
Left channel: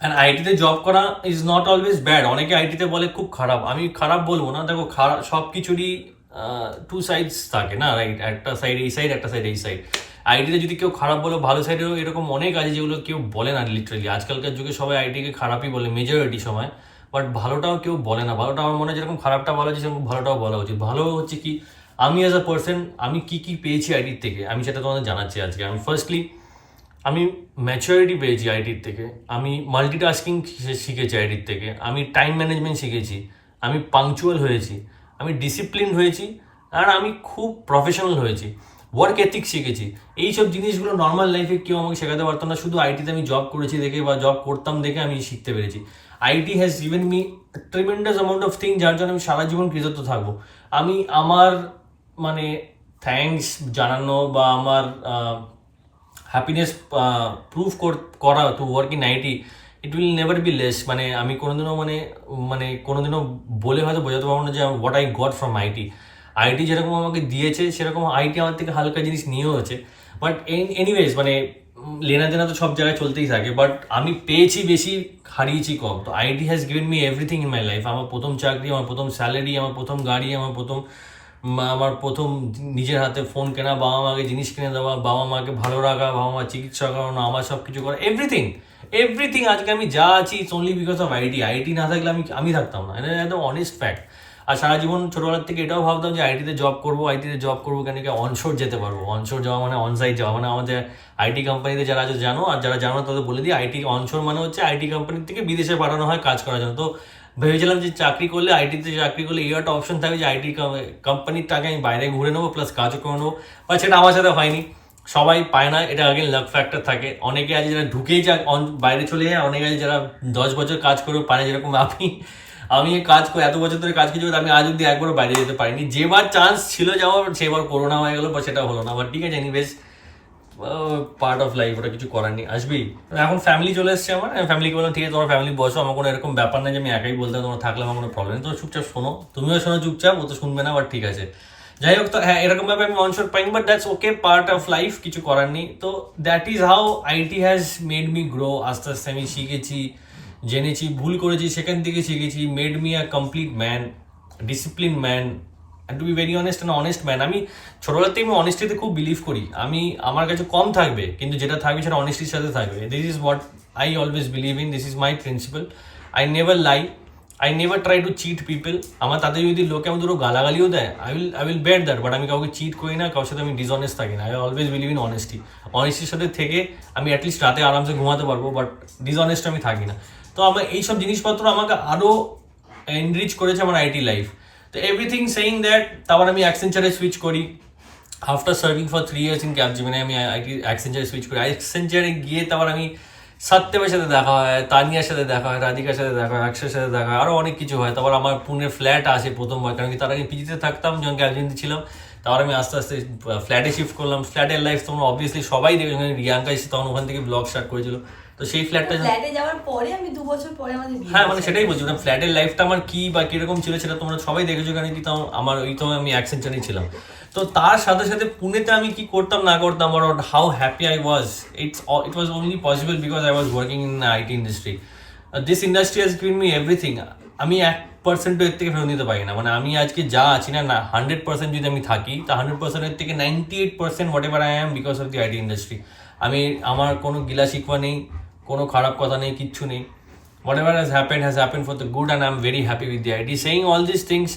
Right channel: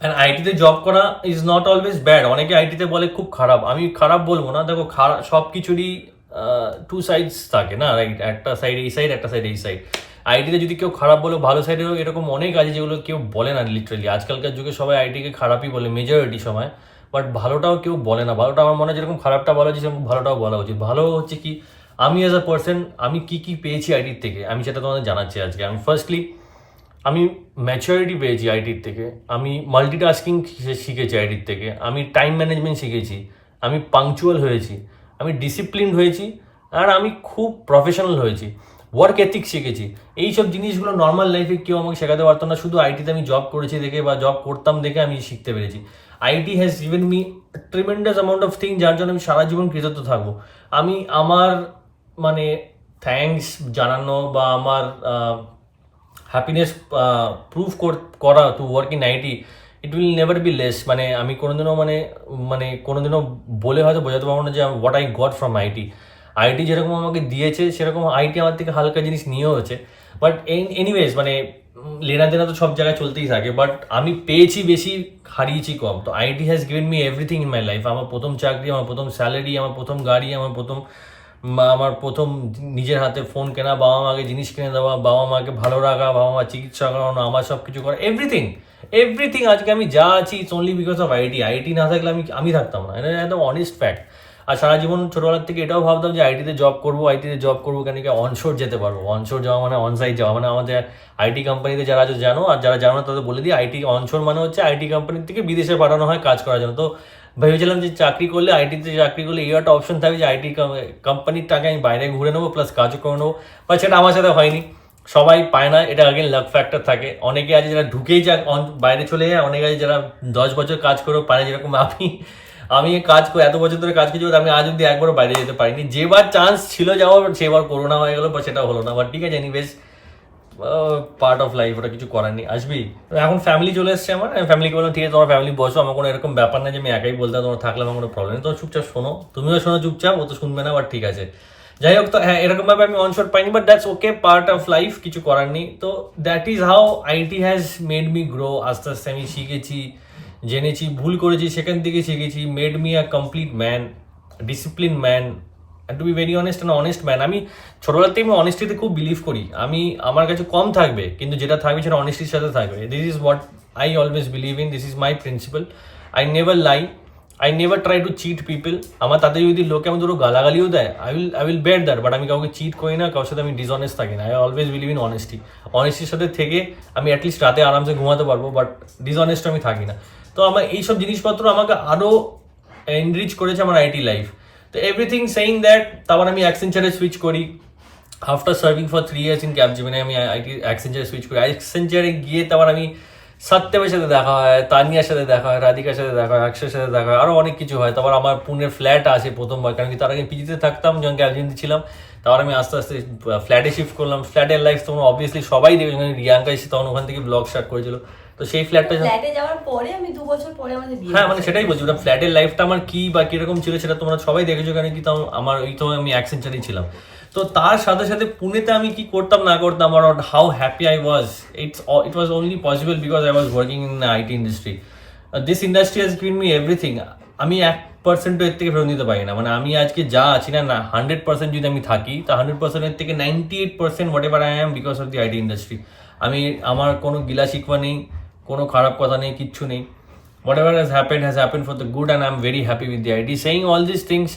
অ্যান্ড আইটিতে জব করা ইজ নট অলওয়েজ ব্যাড। অনেকে আইটিতে বলে খুব খারাপ, আমি খারাপ বলবো না। দেখো, খারাপ সব কিছুরই টু সাইডস থাকে না, রাইট? একটা সাইড এই সাইড, একটা সাইড এই সাইড। আইটিতে যদি কেউ খারাপ বলে, ভালো সাইডেও এরকম অনেক আছে যেগুলো কেউ বলে না লিটারালি। আজকালকার যুগে সবাই আইটিকে খারাপই বলে মেজরিটি সময়, বাট ভালোটাও কেউ বলে না। ভালোটা আমার মনে হয় যেরকম খারাপটা বলা উচিত সেরকম ভালোটাও বলা উচিত। ভালো হচ্ছে কি, আমি অ্যাজ আ পার্সন আমি কি পেয়েছি আইটির থেকে, আমি সেটা তোমাদের জানাচ্ছি আজকে। আমি ফার্স্টলি আমি ম্যাচুরিটি পেয়েছি আইটির থেকে, আমি মাল্টিটাস্কিং শিখেছি আইটির থেকে, আমি টাইম ম্যানেজমেন্ট শিখেছি, আমি পাংচুয়াল হয়েছি, আমি ডিসিপ্লিন হয়েছি, আর আমি খুব প্রফেশনাল হয়েছি, ওয়ার্ক এথিক শিখেছি। এইসব জিনিসগুলো নর্মাল লাইফে কেউ আমাকে শেখাতে পারতো না, শুধু আইটিতে আমি জব করেছি দেখে বা জব করতাম দেখে আমি শিখতে পেরেছি। IT has given me tremendous amount of thing, যার জন্য আমি সারা জীবন কৃতজ্ঞ থাকবো। আমি আমার মানে থ্যাঙ্কস জানানো বা আমার হ্যাপিনেস প্রুভ করা to work in IT, it will never be less. মানে আমি কোনোদিনও কোনোদিনও বলে হয়তো বোঝাতে পারবো না যে what I got from IT. IT যেরকম আমাকে দিয়েছে সেরকম আইটি আমার থেকে হালকা জিনিস নিয়েও হচ্ছে। বাট এনিওয়েজ মানে লেনা দেনা তো সব জায়গায় চলতেই থাকে, বাট আমি পেয়েছি বেশি, হারিয়েছি কম। তো IT has given me everything in my life. আমার প্রথম চাকরি, আমার প্রথম স্যালারি, আমার প্রথম গাড়ি, আমার প্রথম নিজের হাতে ফোন কেনা, বাবা মাকে জিনিস কিনে দেওয়া, বাবা মাকে ভালো রাখা, বাবা মা চিকিৎসা করানো, আমার সব কিছু করা, এভরিথিং আজকে আমি যা আছি it's only because of IT. IT না থাকলে আমি থাকতাম না, এটা একদম অনেস্ট ফ্যাক্ট। আর সারা জীবন ছোটবেলার থেকে এটাও ভাবতাম যে আইটিতে জব করবো কেন কি অনশোর যেতে পারবো। অনশোর যাওয়া মানে অনসাইট যাওয়া, মানে আমাদের আইটি কোম্পানিতে যারা জানো, আর যারা জানো না তাদের বলে দিই, আইটি অনশোর মানে হচ্ছে আইটি কোম্পানির থেকে বিদেশে পাঠানো হয় কাজ করার জন্য। তো ভেবেছিলাম যে আইটিতে চাকরি করলে এই একটা অপশন থাকবে যে আইটি কোম্পানির টাকা আমি বাইরে ঘুরে নেবো, প্লাস কাজও করে নেবো, বা সেটা আমার সাথে হয়নি। সবাই পায় না, এটা আগেন লাক ফ্যাক্টর থাকে। অনেকে আছে যারা ঢুকেই বাইরে চলে যায়, অনেকে আছে যারা 10 বছর কাজ করেও পায় না, যেরকম আমি কাজ করে এত বছর ধরে কাজ করছি, আমি আজ অব্দি একবারও বাইরে যেতে পারিনি। যেবার চান্স ছিল যাওয়ার সেবার করোনা হয়ে গেলো, বা সেটা হলো না। বাট ঠিক আছে, এনিওয়েজ পার্ট অফ লাইফ, ওটা কিছু করার নেই, আসবি। এখন ফ্যামিলি চলে এসছে আমার, ফ্যামিলিকে বললাম ঠিক আছে তোমার ফ্যামিলি বসো, আমার কোনো এরকম ব্যাপার না যে আমি একাই বলতে তোমার থাকলে আমার কোনো প্রবলেম নেই, তো চুপচাপ শোনো, তুমিও শোনো চুপচাপ, ও তো শুনবে না, বাট ঠিক আছে। যাই হোক, তো হ্যাঁ এরকমভাবে আমি অনশোর পাইনি, but that's okay, part of life, কিছু করার নেই। তো that is how IT has made me grow. আস্তে আস্তে আমি শিখেছি, জেনেছি, ভুল করেছি, সেখান থেকে শিখেছি, made me a complete man, discipline man, and to be very honest man. আমি ছোটবেলা থেকে আমি অনেস্টিতে খুব বিলিভ করি। আমার কাছে কম থাকবে, কিন্তু যেটা থাকবে সেটা অনেস্টির সাথে থাকবে। This is what I always believe in, this is my principal. I never lie, I never try to cheat people. আমার তাতে যদি লোকে আমি ধরো গালাগালিও দেয়, I will bear that, but আমি কাউকে চিট করি না, কারোর সাথে আমি ডিসঅনেস্ট থাকি না। আই অলওয়েজ বিলিভ ইন অনেস্টির সাথে থেকে আমি অ্যাটলিস্ট রাতে আরামসে ঘুমাতে পারবো, বাট ডিসঅনেস্ট আমি থাকি না। তো আমার এইসব জিনিসপত্র আমাকে আরও এনরিচ করেছে আমার আইটি লাইফ। তো এভরিথিং সেইং দ্যাট, তারপর আমি অ্যাক্সেঞ্চারে সুইচ করি। After serving for 3 years in Capgemini আমি অ্যাক্সেঞ্চারে সুইচ করি। অ্যাক্সেঞ্চারে গিয়ে তারপর আমি সত্যমের সাথে দেখা হয়, তানিয়ার সাথে দেখা হয়, রাধিকার সাথে দেখা হয়, অক্ষয়ের সাথে দেখা হয়, আরও অনেক কিছু হয়। তারপর আমার পুনের ফ্ল্যাট আসে প্রথমবার, কারণ কি তার আগে পিজিতে থাকতাম যখন ক্যাপজেমিনিতে ছিলাম। তারপর আমি আস্তে আস্তে ফ্ল্যাটে শিফট করলাম। ফ্ল্যাটের লাইফ তোমরা অবভিয়াসলি সবাই দেখবে, রিয়াঙ্কা এসে তখন ওখান থেকে ব্লগ স্টার্ট করেছিল। তো সেই ফ্ল্যাটটা যাওয়ার পরে আমি 2 বছর পরে আমাদের বিয়ে। হ্যাঁ, মানে সেটাই বলছি, ফ্ল্যাটের লাইফটা আমার কি বা কিরকম ছিল সেটা তোমরা সবাই দেখেছো, কারণ কি আমার আমি অ্যাক্সেঞ্চারেই ছিলাম। তো তার সাথে সাথে পুনেতে আমি কি করতাম না করতাম, আর how happy I was, it was only possible because I was working in IT industry. This industry has given me everything. আমি 1% এর থেকে ফেরত নিতে পারি না। মানে আমি আজকে যা আছি না 100% যদি আমি থাকি, তা 100% এর থেকে 98% what ever I am because of the IT industry. আমার কোনো গিলা শিকওয়া নেই, কোনো খারাপ কথা নেই, কিচ্ছু নেই। Whatever has happened for the good, and I'm very happy with the IT. Saying all these things,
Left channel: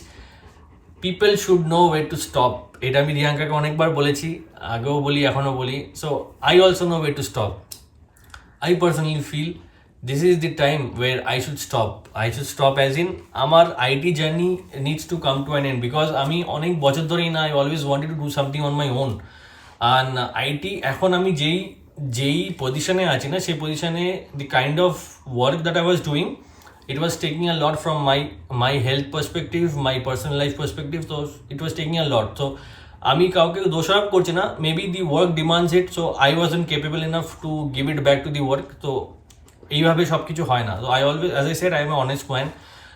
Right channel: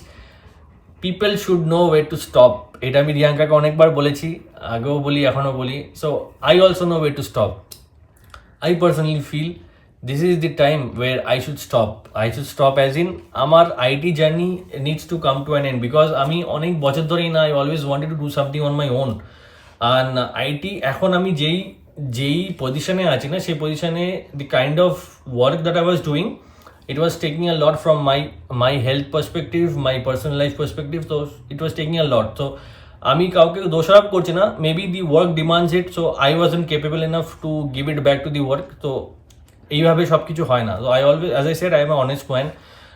people should know where to stop. এটা আমি রিয়াঙ্কাকে অনেকবার বলেছি, আগেও বলি, এখনও বলি। So I also know where to stop. I personally feel this is the time where I should stop. I should stop as in আমার IT journey needs to come to an end, because আমি অনেক বছর ধরেই না I always wanted to do something on my own. And IT এখন আমি যেই পজিশনে আছি না, সেই পজিশনে the kind of work that I was doing, it was taking a lot from my health perspective, my personal life perspective, so it was taking a lot. So আমি কাউকে দোষারোপ করছি না, maybe the work demands it, so I wasn't capable enough to give it back to the work. তো এইভাবে সব কিছু হয় না। তো I always, as I said, I am honest man.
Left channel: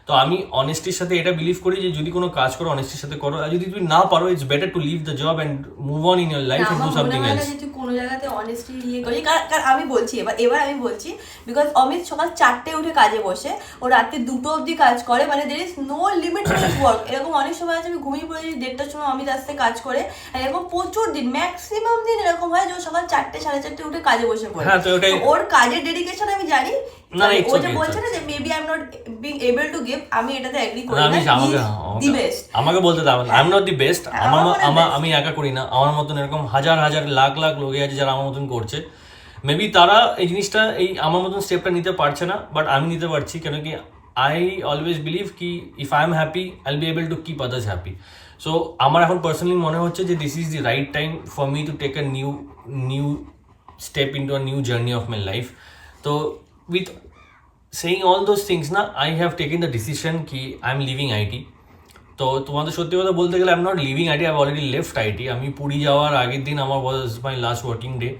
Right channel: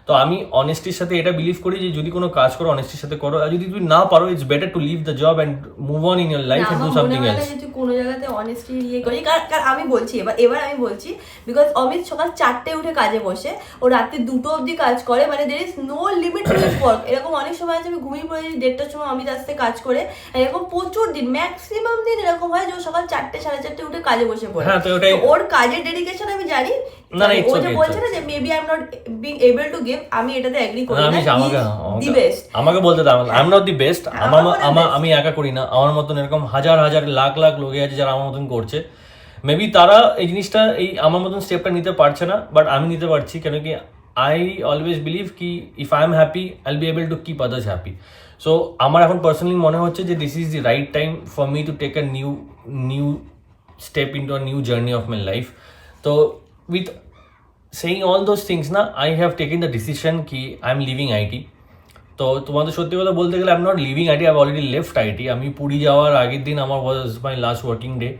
তো আমি অনেস্টির সাথে এটা বিলিভ করি যে যদি কোনো কাজ করো অনেস্টির সাথে করো, আর যদি তুমি না পারো, it's better to leave the job and move on in your life and do something else. তুই কোনো জায়গাতে অনেস্টলি ইয়ে করি, কারণ আমি বলছি এবার আমি বলছি, বিকজ অমিত সকাল 4টে উঠে কাজে বসে, ও রাত্রি 2টো অবধি কাজ করে, মানে there is no limit to his work. এরকম অনেক সময় আছে আমি ঘুমিয়ে পড়েছি 1:30টার সময় অমিত আসতে কাজ করে, এরকম প্রচুর দিন, ম্যাক্সিমাম দিন এরকম হয় যে ও সকাল 4টে 4:30 উঠে কাজে বসে পড়ে। হ্যাঁ, তো ওটাই ওর কাজের ডেডিকেশন আমি জানি। না, ও যে বলছে না যে maybe I am not being able to give, আমি এটাতে এগ্রি করি না। দি বেস্ট আমাকে বলতে দাও, I am not the best. আমি একা করি না, আমার মতন এরকম হাজার হাজার লাখ লাখ লোকে আছে যারা আমার মতন করছে। মেবি তারা এই জিনিসটা, এই আমার মতন স্টেপটা নিতে পারছে না, বাট আমি নিতে পারছি। কেন কি আই অলওয়েজ বিলিভ কি if I am happy I will be able to keep others happy. So আমার এখন পার্সোনালি মনে হচ্ছে যে this is the right time for me to take a new step into a new journey of my life. তো with saying all those things না, I have taken the decision কি I am leaving IT. তো তোমাদের সত্যি কথা বলতে গেলে I am not leaving IT, I have already left IT. আমি পুরী যাওয়ার আগের দিন আমার was my last working day.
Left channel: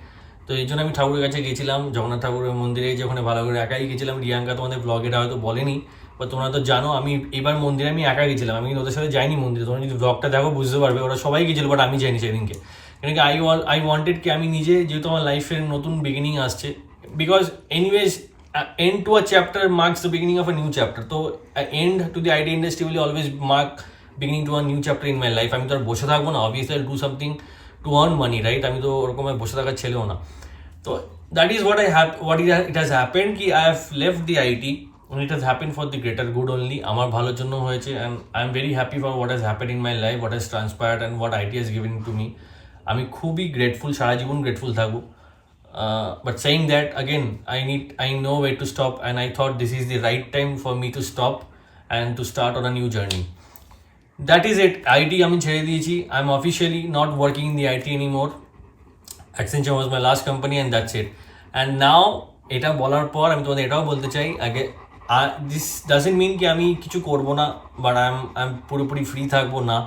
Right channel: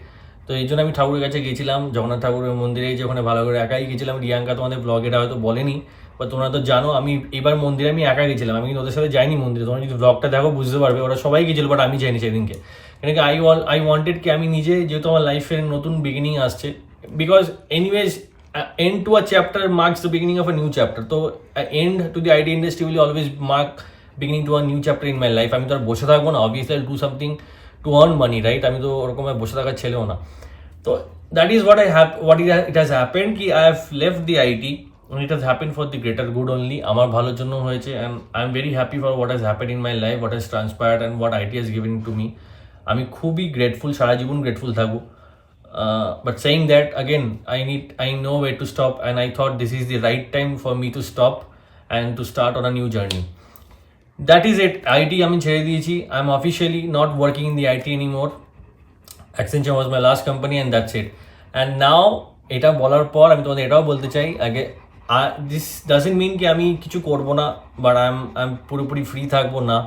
তো এই জন্য আমি ঠাকুরের কাছে গেছিলাম, জগন্নাথ ঠাকুরের মন্দিরে, যে ওখানে ভালো করে একাই গেছিলাম। রিয়াঙ্কা তোমাদের ব্লগে এটা হয়তো বলেনি, বা তোমরা তো জানো আমি এবার মন্দিরে আমি একা গেছিলাম, আমি কিন্তু ওদের সাথে যাইনি মন্দিরে। তোমরা যদি ব্লগটা দেখো বুঝতে পারবে, ওরা সবাই গেছিলো, বাট আমি যাইনি সেদিনকে। কেন কি আই ওয়ান্টেড কি আমি নিজে, যেহেতু আমার লাইফের নতুন বিগিনিং আসছে, because anyways end to a chapter marks the beginning of a new chapter. So end to the IT industry will always mark beginning to a new chapter in my life. আমি তো আর বসে থাকবো না, obviously I'll do something to earn money, right? আমি তো ওরকম বসে থাকার ছেলেও না। তো that is what it has happened কি I have left the IT and it has happened for the greater good only. আমার ভালোর জন্য হয়েছে, and I am very happy for what has happened in my life, what has transpired and what IT has given to me. আমি খুবই grateful, সারা জীবন grateful থাকবো। But saying that, again, I know where to stop, and I thought this is the right time for me to stop and to start on a new journey. That is it. IT আমি ছেড়ে দিয়েছি. I'm officially not working in the IT anymore. Accenture was my last company and that's it. And now এটা বলার পর আমি তোমাদের এটাও বলতে চাই, আগে this doesn't mean কি আমি কিছু করবো না, but I'm পুরোপুরি ফ্রি থাকবো না।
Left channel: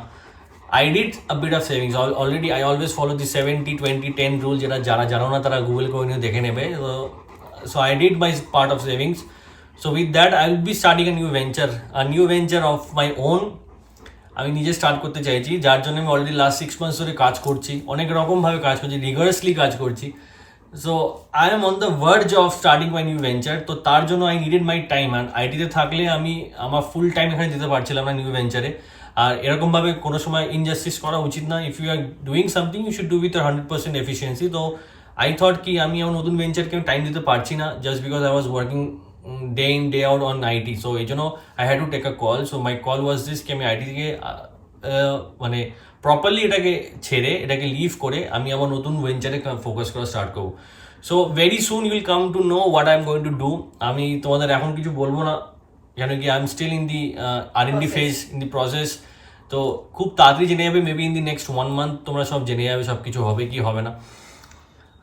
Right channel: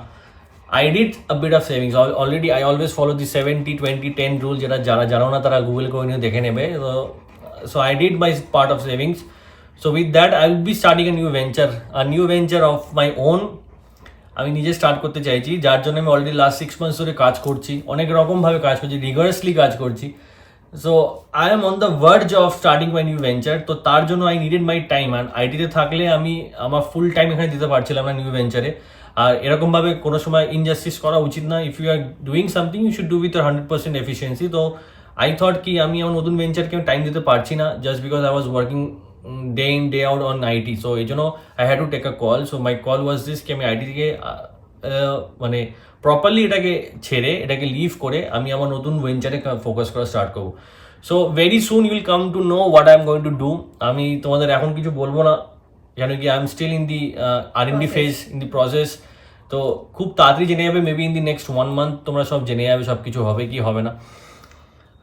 I did a bit of savings already. I always follow the 70-20-10 rule, যেটা যারা জানো না তারা গুগল করে নিয়ে দেখে নেবে। So I did my part of savings. So with that I will be starting a new venture of my own. আমি নিজে স্টার্ট করতে চাইছি, যার জন্য আমি অলরেডি লাস্ট 6 months ধরে কাজ করছি, অনেক রকমভাবে কাজ করছি, রিগারাসলি কাজ করছি। So I am on the verge of starting my new venture. তো তার জন্য I needed my time, and আইটিতে থাকলে আমি আমার ফুল টাইম এখানে দিতে পারছিলাম না নিউ ভেঞ্চারে। আর এরকমভাবে কোনো সময় ইনজাস্টিস করা উচিত না। If you are doing something you should do with 100% efficiency. তো আই থট কি আমি আমার নতুন ভেঞ্চারকে টাইম দিতে পারছি না, just because I was working day in day out on IT. So এই জন্য I had to take a call. So my call was this কি আমি আইটি থেকে মানে প্রপারলি এটাকে ছেড়ে, এটাকে লিভ করে আমি আমার নতুন ভেঞ্চারে ফোকাস করা স্টার্ট করবো। So very soon you will come to know what I am going to do. আমি তোমাদের এখন কিছু বলবো না, কেন কি I am still in the R&D phase, in the process. তো খুব তাড়াতাড়ি জেনে যাবে, maybe in the next 1 month তোমরা সব জেনে যাবে সব কিছু হবে কি হবে না।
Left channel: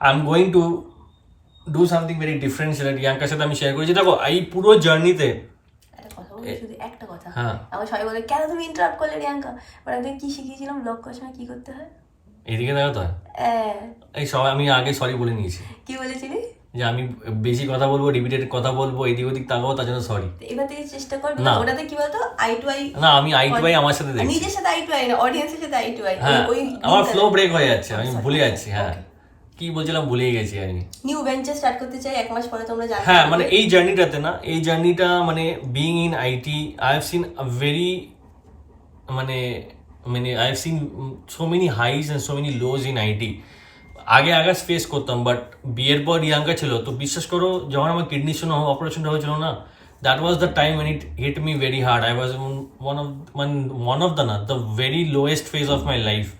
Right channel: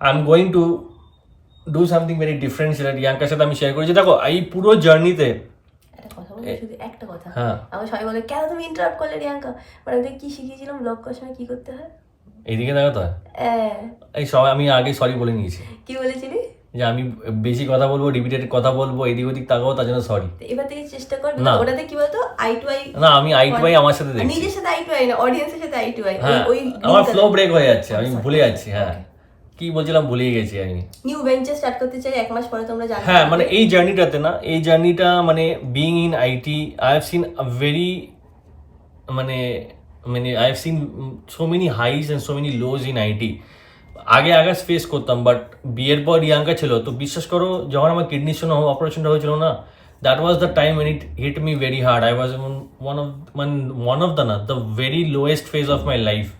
I am going to do something very different, সেটা রিয়াঙ্কার সাথে আমি শেয়ার করেছি। দেখো এই পুরো জার্নিতে একটা কথা, হ্যাঁ, আমার সবাই বলে কেন তুমি ইন্টারাপ্ট করলে রিয়াঙ্কা, মানে আমি কি শিখিয়েছিলাম ব্লগ করার সময় কি করতে হয়। এইদিকে দেখো তো, এই সবাই আমি আগে সরি বলে নিয়েছি। কি বলেছিলি? যে আমি বেশি কথা বলবো, রিপিটেড কথা বলবো, এদিক ওদিক তাকাবো, তার জন্য সরি। এবার থেকে চেষ্টা কর, ওটাতে কি বলতো আই টু আই। না, আমি আই টু আই আমার সাথে দেখছি, নিজের সাথে আই টু আই না, অডিয়েন্সের সাথে আই টু আই। ওই আমার ফ্লো ব্রেক হয়ে যাচ্ছে, আমি ভুলে যাচ্ছি। হ্যাঁ, কি বলছিলাম ভুলে গেছি আমি। নিউ ভেঞ্চার স্টার্ট করতে চাই 1 মাস পরে, তোমরা জানো। হ্যাঁ, মানে এই জার্নিটাতে না, এই জার্নিটা মানে being in IT I have seen a very মানে I have seen so many highs and so many lows in IT. আগে ফেস করতাম, বাট বিয়ের পর রিয়াঙ্কা ছিল, তো বিশ্বাস করো যখন আমার কিডনির জন্য অপারেশনটা হয়েছিল না, that was the time when it hit me very hard. I was one of the very lowest phase of my life.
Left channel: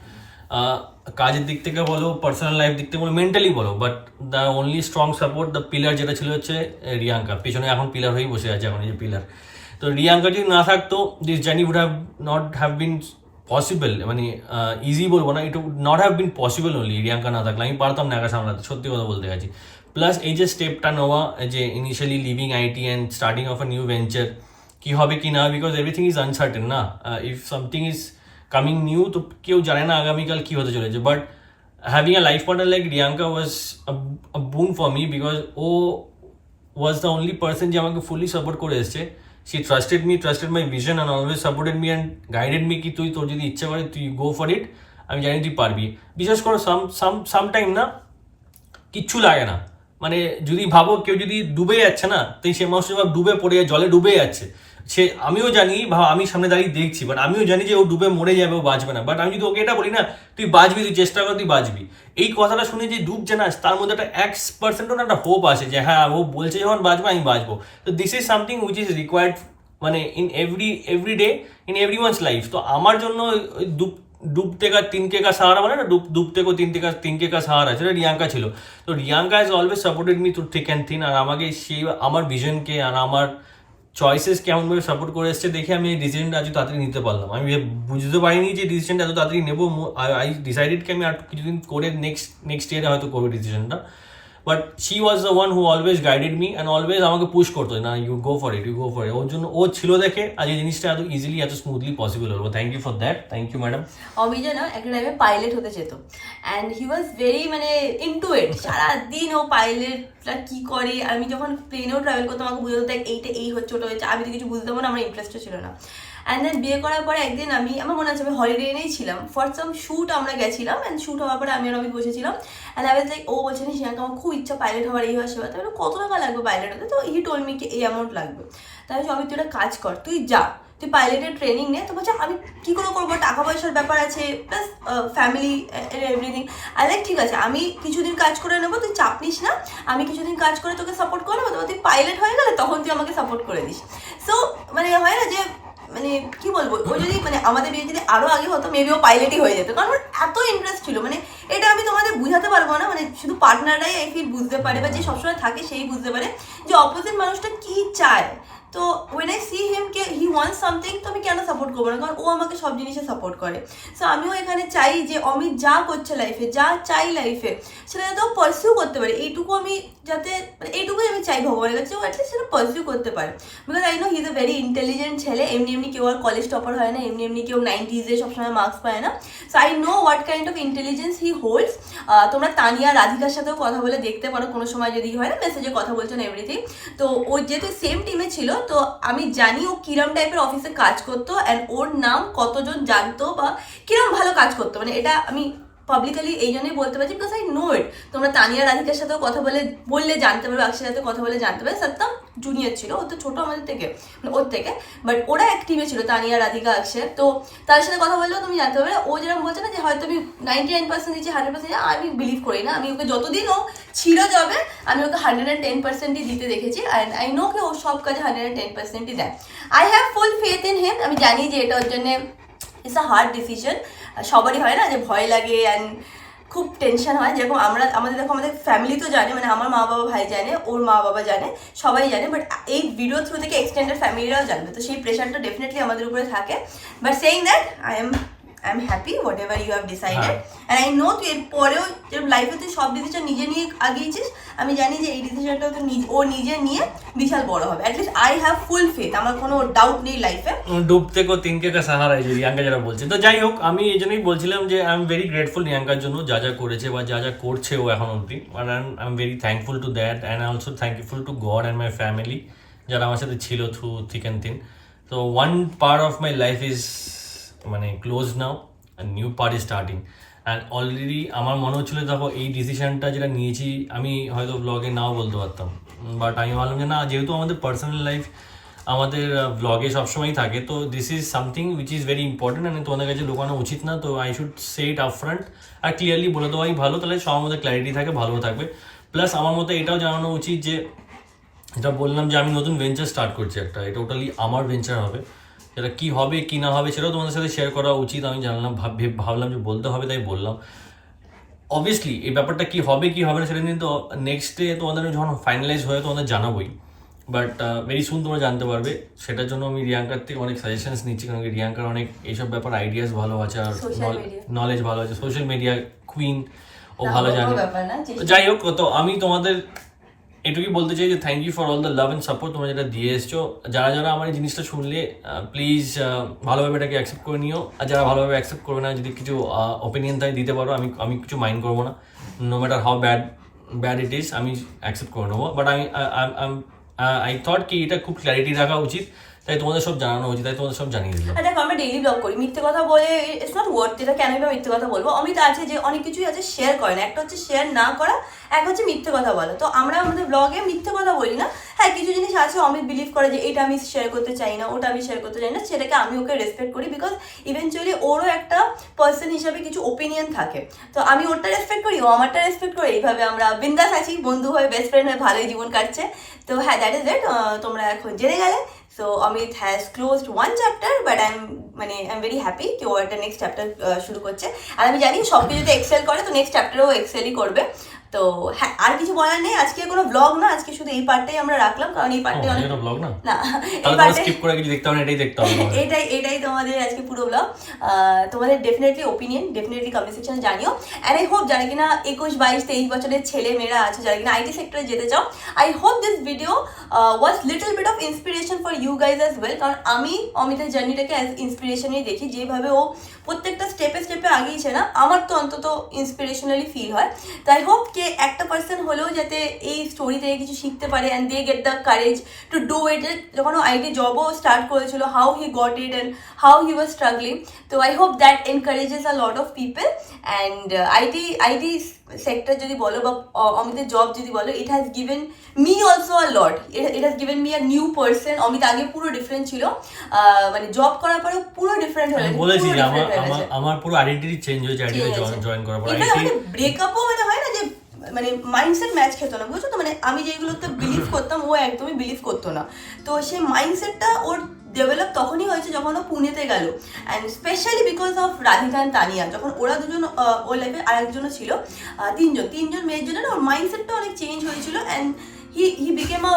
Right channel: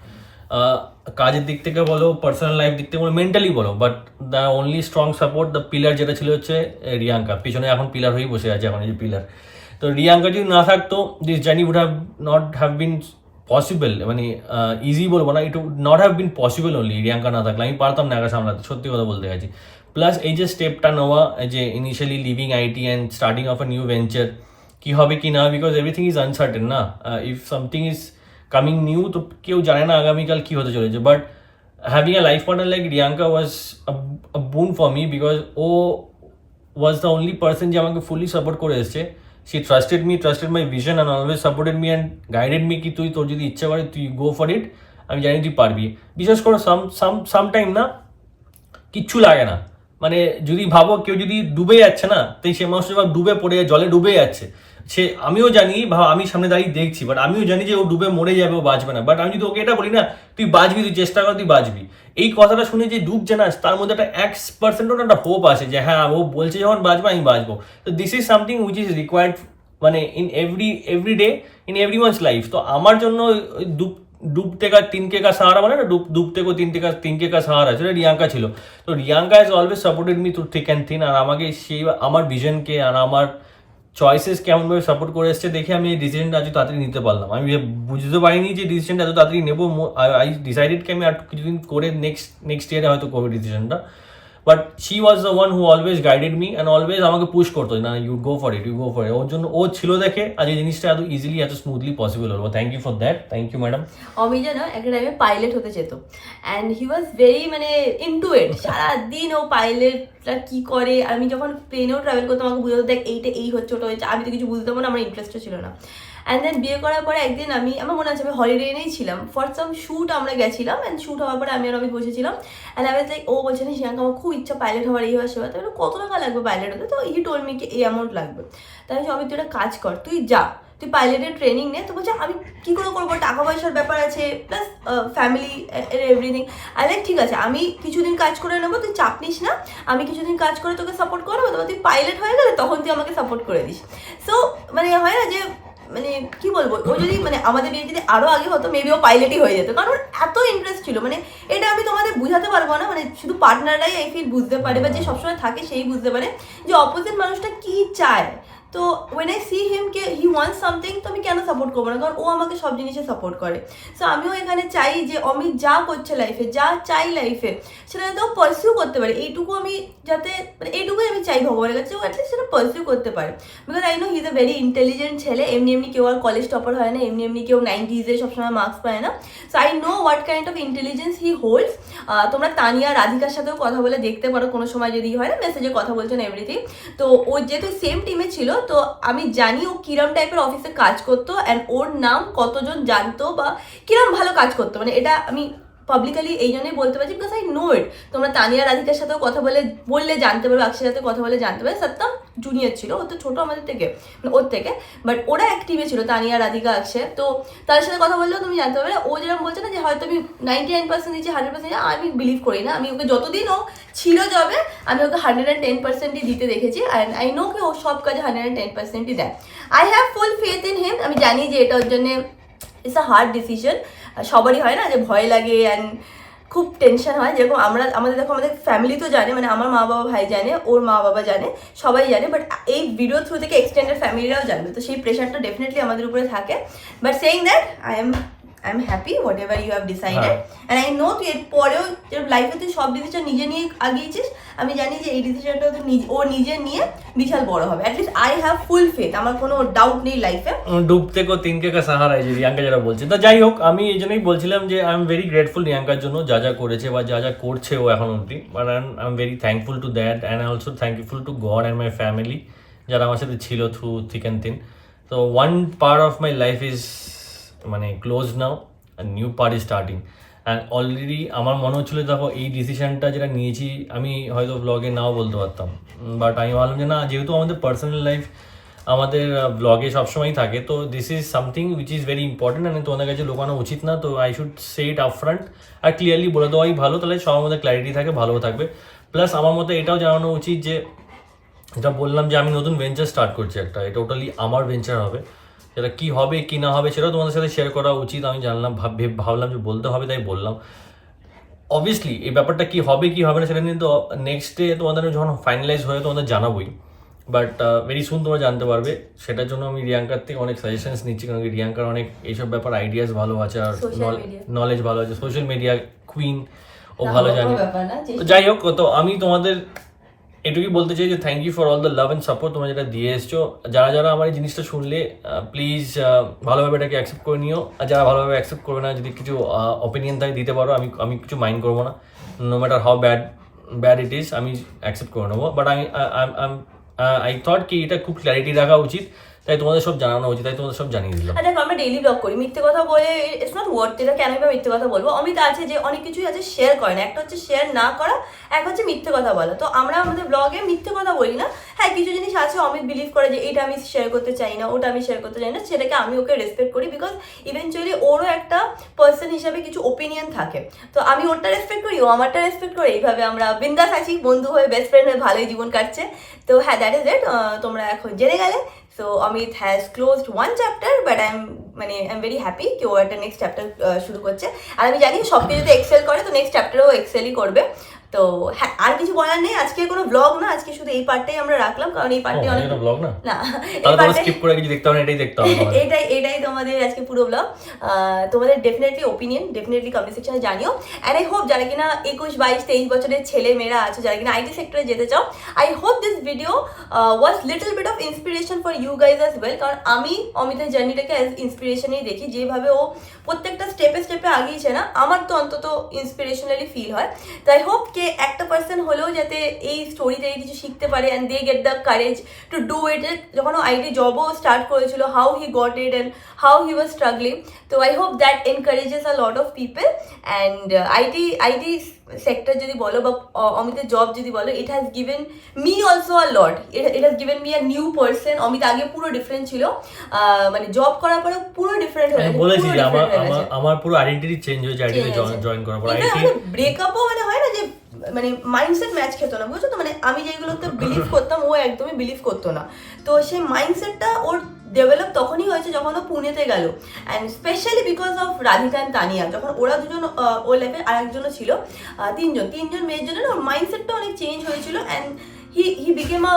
কাজের দিক থেকে বলো, পার্সোনাল লাইফ দিক থেকে বলো, মেন্টালি বলো, but the only strong support, the pillar যেটা ছিল হচ্ছে রিয়াঙ্কা। পিছনে এখন পিলার হয়েই বসে আছে, এখন এই যে পিলার। তো রিয়াঙ্কা যদি না থাকতো, this journey would have not have been possible, মানে ইজি বলবো না, it would not have been possible only Riyanka না থাকলে, আমি পারতাম না একা সামলাতে, সত্যি কথা বলতে গেছি। প্লাস এই যে স্টেপটা নেওয়া, যে initially living IT and starting of a new venture, কি হবে কি না, বিকজ এভরিথিং ইজ আনসার্টেন না, if something is coming new, তো কেউ জানে না আগামীকাল কি হতে চলেছে। But having a life partner like Riyanka was a boon for me, because ও was the only person যে আমাকে fully support করে এসছে। She trusted me, trusted my vision and always supported me and guided me কি তুই তোর যদি ইচ্ছা করে তুই go for it, আমি জানি তুই পারবি। বিশেষ করে সামটাইম না কিচ্ছু লাগে না, মানে যদি ভাবো কেউ যদি ডুবে যাচ্ছে না, তাই সে মানুষ ডুবে পড়ে জলে ডুবে যাচ্ছে, সে আমিও জানি, আমি সামনে দাঁড়িয়ে দেখছি, বাট আমিও জানি যে ও ডুবে মরে যাবে, ও বাঁচবে না, বাট আমি যদি ওকে এটা বলি না তুই বাঁচবি, তুই চেষ্টা কর, তুই বাঁচবি, এই কথাটা শুনে যে ডুবছে না, তার মধ্যে একটা 1% একটা হোপ আসে যে হ্যাঁ ও বলছে যখন বাঁচবে আমি বাঁচবো। তো this is something which is required, মানে in every day in every one's life. তো আমার জন্য ডুবতে কা 3K का सहारा, মানে না ডুবতে কো 3K का सहारा, সেটা রিয়াঙ্কা ছিল। তো Riyanka has always supported me through thick and thin, আর আমাকে সেই আমার ভিশনকে আর আমার চয়েসেস কেমনভাবে সাপোর্ট করে এসছে দেখে আমি এই ডিসিশনটা আজ তাড়াতাড়ি নিতে পারলাম। আমি বুঝতে পারিনি যে ডিসিশনটা এত তাড়াতাড়ি নেবো। আই ডিসাইডেড কি আমি আর কিছুদিন করে নেক্সট ইয়ারে হয়তো করবো ডিসিশনটা। But she was the one who always guided me and always আমাকে পুশ করতো, না you go for it, you go for it. ওর জন্য ও ছিল দেখে আজ এই জিনিসটা এত ইজিলি এত স্মুথলি পসিবল হলো। Thank you for that, thank you madam. Amija না একটা টাইমে পাইলট হতে যেত, অ্যান্ড হি ওয়াজ ভেরি মানে ইনটু ইট, সারাদিন ও পাইলটরা কি করে, আমি যখন প্লেনেও ট্রাভেল করতাম আমাকে বুঝতে দেখ এইটা এই হচ্ছে ওটা হচ্ছে, আমি তো কিছু বুঝতাম না, আমার ইন্টারেস্টও ছিল না। অ্যান্ড দেন বিয়ে করার পরে একদিন আমার মনে আছে আমি হলিডে এনেই ছিলাম, ফর সাম শ্যুট আমরা গেছিলাম, অ্যান্ড শ্যুট হওয়ার পরে আমি আর আমি বসেছিলাম, অ্যান্ড আই ওয়াজ লাইক, ও বলছে না শ্রেয়াঙ্কা আমার খুব ইচ্ছা পাইলট হওয়ার, এই হওয়ার সে হতে, কত টাকা লাগবে পাইলট হতে, তো হি টোল্ড মি কি এই অ্যামাউন্ট লাগবে। তাই আমি তুই একটা কাজ কর, তুই যা, তুই পাইলটের ট্রেনিং নে। তো বলছে আমি কি করে করবো, টাকা পয়সার ব্যাপার আছে, প্লাস ফ্যামিলি এভরিথিং। আর লাইক ঠিক আছে আমি কিছুদিন কাজ করে নেবো, তুই চাপ নিস না, আমি কিছুদিন কাজ করে তোকে সাপোর্ট করে নেবো, তারপর তুই পাইলট হয়ে গেলে তখন তুই আমাকে সাপোর্ট করে দিস। সো মানে হয় না যে মানে কি বলবো, ও যদি মানে আমাদের বিয়ে যদি আরো আগে হতো মেবি ও পাইলটই হয়ে যেত, কারণ ওর এত ইন্টারেস্ট ছিল। মানে এটা আমি তোমাদের বুঝাতে পারবো না, মানে শুধু পার্টনাররাই আই ফিল বুঝতে পারে, বা যে সবসময় থাকে সেই বুঝতে পারে যে অপোজিট মানুষটা কি চায়। তো ওয়েন আই সি হিম কে হি ওয়ান্টস সামথিং, তো আমি কেন সাপোর্ট করবো না, কারণ ও আমাকে সব জিনিসে সাপোর্ট করে। সো আমিও এখানে চাই যে অমিত যা করছে লাইফে, যা চাই লাইফে, সেটা যাতে ও পারসিউ করতে পারে, এইটুকু আমি যাতে মানে এইটুকুই আমি চাই ভগবানের কাছে, ও অ্যাটলিস্ট সেটা পারসিউ করতে পারে। Because I know he is a very intelligent ছেলে, এমনি এমনি কেউ আর কলেজ টপার হয় না, এমনি এমনি কেউ 90s সবসময় মার্কস পায় না। So I know what kind of intelligence he holds. তোমরা তানিয়া রাধিকার সাথেও কথা বলে দেখতে পারো, কোনো সময় যদি হয় না মেসেজে কথা বলছেন এভরিথিং। তো ও যেহেতু সেম টিমে ছিল, তো আমি জানি ও কিরম টাইপের অফিসে কাজ করতো, অ্যান্ড ওর নাম কতজন জানতো বা কিরম ভালো কাজ করতো, মানে এটা আমি পাবলিকালি এই জন্যই বলতে পারছি, বিকজ আই নো ইট। তোমরা তানিয়া রাধিকার সাথেও কথা বললে জানতে পারবে, অক্ষয়ের সাথে কথা বলে জানতে পারবে। সত্যম জুনিয়র ছিল, ও তো ছোটো আমাদের থেকে, মানে ওর থেকে, বাট ওরা এক টিমে ছিল, তানিয়া রাধিকা অক্ষয়। তো তাদের সাথে কথা বললেও তুমি জানতে পারবে। ও যেরকম বলছে না যে হয়তো আমি 99% দিচ্ছি 100%, আমি বিলিভ করি না। আমি ওকে যতদিন ও ছিল যাবে আমি ওকে 110%ই দিতে দেখেছি, অ্যান্ড আই নো কে ও সব কাজে 110%ই দেয়। I have full faith in him. আমি জানি যে এটা ওর জন্যে ইটস আ হার্ড ডিসিশন, সবারই হয় না যে ভয় লাগে অ্যান্ড খুব টেনশন হয়। যেরকম আমাদের দেখো আমাদের ফ্যামিলি তো জানে, মানে আমার মা বাবা ভাই জানে, ওর মা বাবা জানে, সবাই জানে, বাট এই ভিডিও থ্রু থেকে এক্সটেন্ডেড ফ্যামিলিরাও জানবে, তো সেই প্রেশারটা ডেফিনেটলি আমাদের উপরে থাকে। But saying that I am happy whatever you have decided, and I know তুই এর পরেও যেরকম লাইফে তুই সব ডিসিশন নিজে নিয়ে আগিয়েছিস, আমি জানি যে এই ডিসিশনটা তো ও নিজে নিয়ে বিশাল বড় হবে। At least I have full faith, আমার কোনো ডাউট নেই লাইফে। ডুবতে কো 3K का सहारा এই যে রিয়াঙ্কা যেটা বলছে। তো যাই হোক, আমি এই জন্যই বলছিলাম যে আই এম ভেরি গ্রেটফুল রিয়াঙ্কার জন্য, যা যা করেছে বা যা যা করছে ও এখন অবধি, but I am very thankful to that, and also thankful to God and my family যারা আমার সাথে ছিল থ্রু থিক অ্যান্ড থিন। তো one part of my life is মানে close now, new part is starting. And already আমার মনে হচ্ছিলো দেখো এই ডিসিশনটা যেটা নিয়েছি আমি হয়তো ব্লগে নাও বলতে পারতাম, বাট আমি ভাবলাম যে না, যেহেতু আমাদের পার্সোনাল লাইফ আমাদের ব্লগে সবসময়ই থাকে, তো this is something which is very important, and তোমাদের কাছে লুকানো উচিত না। তো I should say it upfront R clearly বলে দেওয়াই ভালো, তাহলে সবার মধ্যে ক্ল্যারিটি থাকে, ভালোও থাকবে। প্লাস আমার মতে এটাও জানানো উচিত যে যেটা বললাম যে আমি নতুন ভেঞ্চার স্টার্ট করছি একটা, এটা টোটালি আমার ভেঞ্চার হবে, সেটা কী হবে কী না হবে সেটাও তোমাদের সাথে শেয়ার করা উচিত। আমি জানলাম ভাবলাম যে বলতে হবে, তাই বললাম। অবভিয়াসলি এই ব্যাপারটা কী হবে কী হবে না সেটা কিন্তু নেক্সট ডে তোমাদের যখন ফাইনালাইজ হয়ে তোমাদের জানাবোই। বাট ভেরি সুন তোমরা জানতে পারবে। সেটার জন্য আমি রিয়াঙ্কার থেকে অনেক সাজেশনস নিচ্ছি, কারণ কি রিয়াঙ্কার অনেক এইসব ব্যাপার আইডিয়াস ভালো আছে আর Social media। নলেজ ভালো আছে, সোশ্যাল মিডিয়া কুইন ও ভালো কোনো জানে। ব্যাপার না, তো যাই হোক, তো আমি তোমাদের এটুকুই বলতে চাই যে thank you for all the love and support তোমরা যেটা দিয়ে এসছো। যারা যারা আমার এই জিনিসটা শুনলে প্লিজ ভালোভাবে এটাকে অ্যাকসেপ্ট করে নিও, আর যারা ভালোভাবে অ্যাকসেপ্ট করবে না, যদি কিছু অপিনিয়ন থাকে দিতে পারো, আমি কিছু মাইন্ড করবো না, no matter how bad it is, আমি অ্যাকসেপ্ট করে নেবো। বাট আই থট কি এটা খুব ক্ল্যারিটি রাখা উচিত, তাই তোমাদের সব জানানো উচিত, তাই তোমাদের সব জানিয়ে দিলাম। দেখো আমরা ডেইলি ব্লগ করি, মিথ্যে কথা বলে ইটস নট ওয়ার্থ। এটা কেন আমি মিথ্যে কথা বলবো? অমিত আছে যে অনেক কিছুই আছে শেয়ার করে না, একটা হচ্ছে শেয়ার না করা, এক হচ্ছে মিথ্যে কথা বলা। তো আমরা আমাদের ব্লগে মিথ্যে কথা বলি না। হ্যাঁ, কিছু জিনিস আছে অমিত বিলিভ করে যে এটা আমি শেয়ার করতে চাই না, ওটা আমি শেয়ার করতে চাই না, সেটাকে আমি ওকে রেসপেক্ট করি, বিকজ ইভেনচুয়ালি ওরও একটা পার্সন হিসাবে কিছু ওপিনিয়ন থাকে। তো আমি ওরটা রেসপেক্ট করি, ও আমারটা রেসপেক্ট করে, এইভাবে আমরা বিন্দাস আছি, বন্ধু হয়ে, বেস্ট ফ্রেন্ড হয়ে ভালোই জীবন কাটছে। তো হ্যাঁ, দ্যাট ইজ ইট। তোমরা এখন জেনে গেলে। So Amit has closed one chapter, but I'm very happy कि वो একটা next chapter শুরু করছে। আর আমি জানি সব কিছুতে এক্সেল করে, তো নেক্সট চ্যাপ্টারও এক্সেলই করবে। তো হ্যাঁ, আর কিছু বলার নেই। আজকে কোনো ব্লগ না, আজকে শুধু এই পার্টটাই আমরা রাখলাম, কারণ এই পার্টটাই অনেক ব্লগ না, না, তাহলে তোমরা স্কিপ করে কিছু দেখতে হবে না, এটাই দেখতে হবে। এটাই তোমাদের আজকে পুরো ব্লগ। তোমাদের ডেফিনেটলি ওপিনিয়ন ডেফিনেটলি কমেন্ট সেকশনে জানিও। অ্যান্ড আই হোপ যারা কিনা 21, 22, 23 বছরের ছেলে মেয়েরা আছে, যারা কিনা আইটি সেক্টরে যেতে চাও, I hope this video was little bit of inspiration for you guys as well. কারণ আমি অমিতের জার্নিটাকে অ্যাজ ইন্সপিরেশনই দেখি, যেভাবে ও প্রত্যেকটা স্টেপে স্টেপে আগিয়েছে না, আমার তো অন্তত ইন্সপিরেশনালি ফিল হয়। তো আই হোপ কে একটা পার্সন হলেও যাতে এই স্টোরি থেকে কিছু শিখতে পারে, and they get the courage to do it. যখন ও আইটি জবও স্টার্ট করেছিল, how he got it and how he was struggling. তো I hope that encourages a lot of people. And IT sector যদি বলো বা অমিতের জব যদি বলো, it has given me also a lot. It has given me a new person. Amit আগে পুরো different ছিল, মানে জব করার পরে পুরো ডিফারেন্ট হয়ে গেছে। বলেছি যে আমার পুরো আইডেন্টিটি চেঞ্জ হয়েছে আইটিতে জয়েন করার পর। ব্রেকআপও মানে হয় না যে মানে মাইন্ডসেট ম্যাচ খেত না, বুঝছো তো? মানে আমি যেগুলোতে বিলিভ করতাম ও একদমই বিলিভ করতো না। তো সেই মাইন্ডসেটটা ওর ডেভেলপ তখনই হয়েছে যখন ও পুনেতে গেল, and specially because of Radhika and Tania. যখন ওরা দুজন ও লাইফে আর একজনও ছিল, তিনজন মেয়ের জন্য না ওর মাইন্ডসেটটা অনেক চেঞ্জ হয়েছিল, অ্যান্ড হি বিকেম আ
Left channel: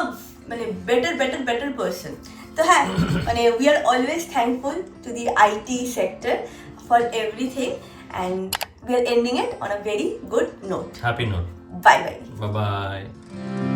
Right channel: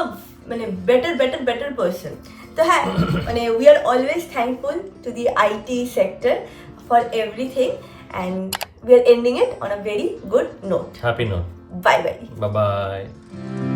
মানে বেটার পার্সন। তো হ্যাঁ, মানে we are always thankful to the IT sector for everything, and we are ending it on a very good note. Happy note. Bye bye. Bye bye.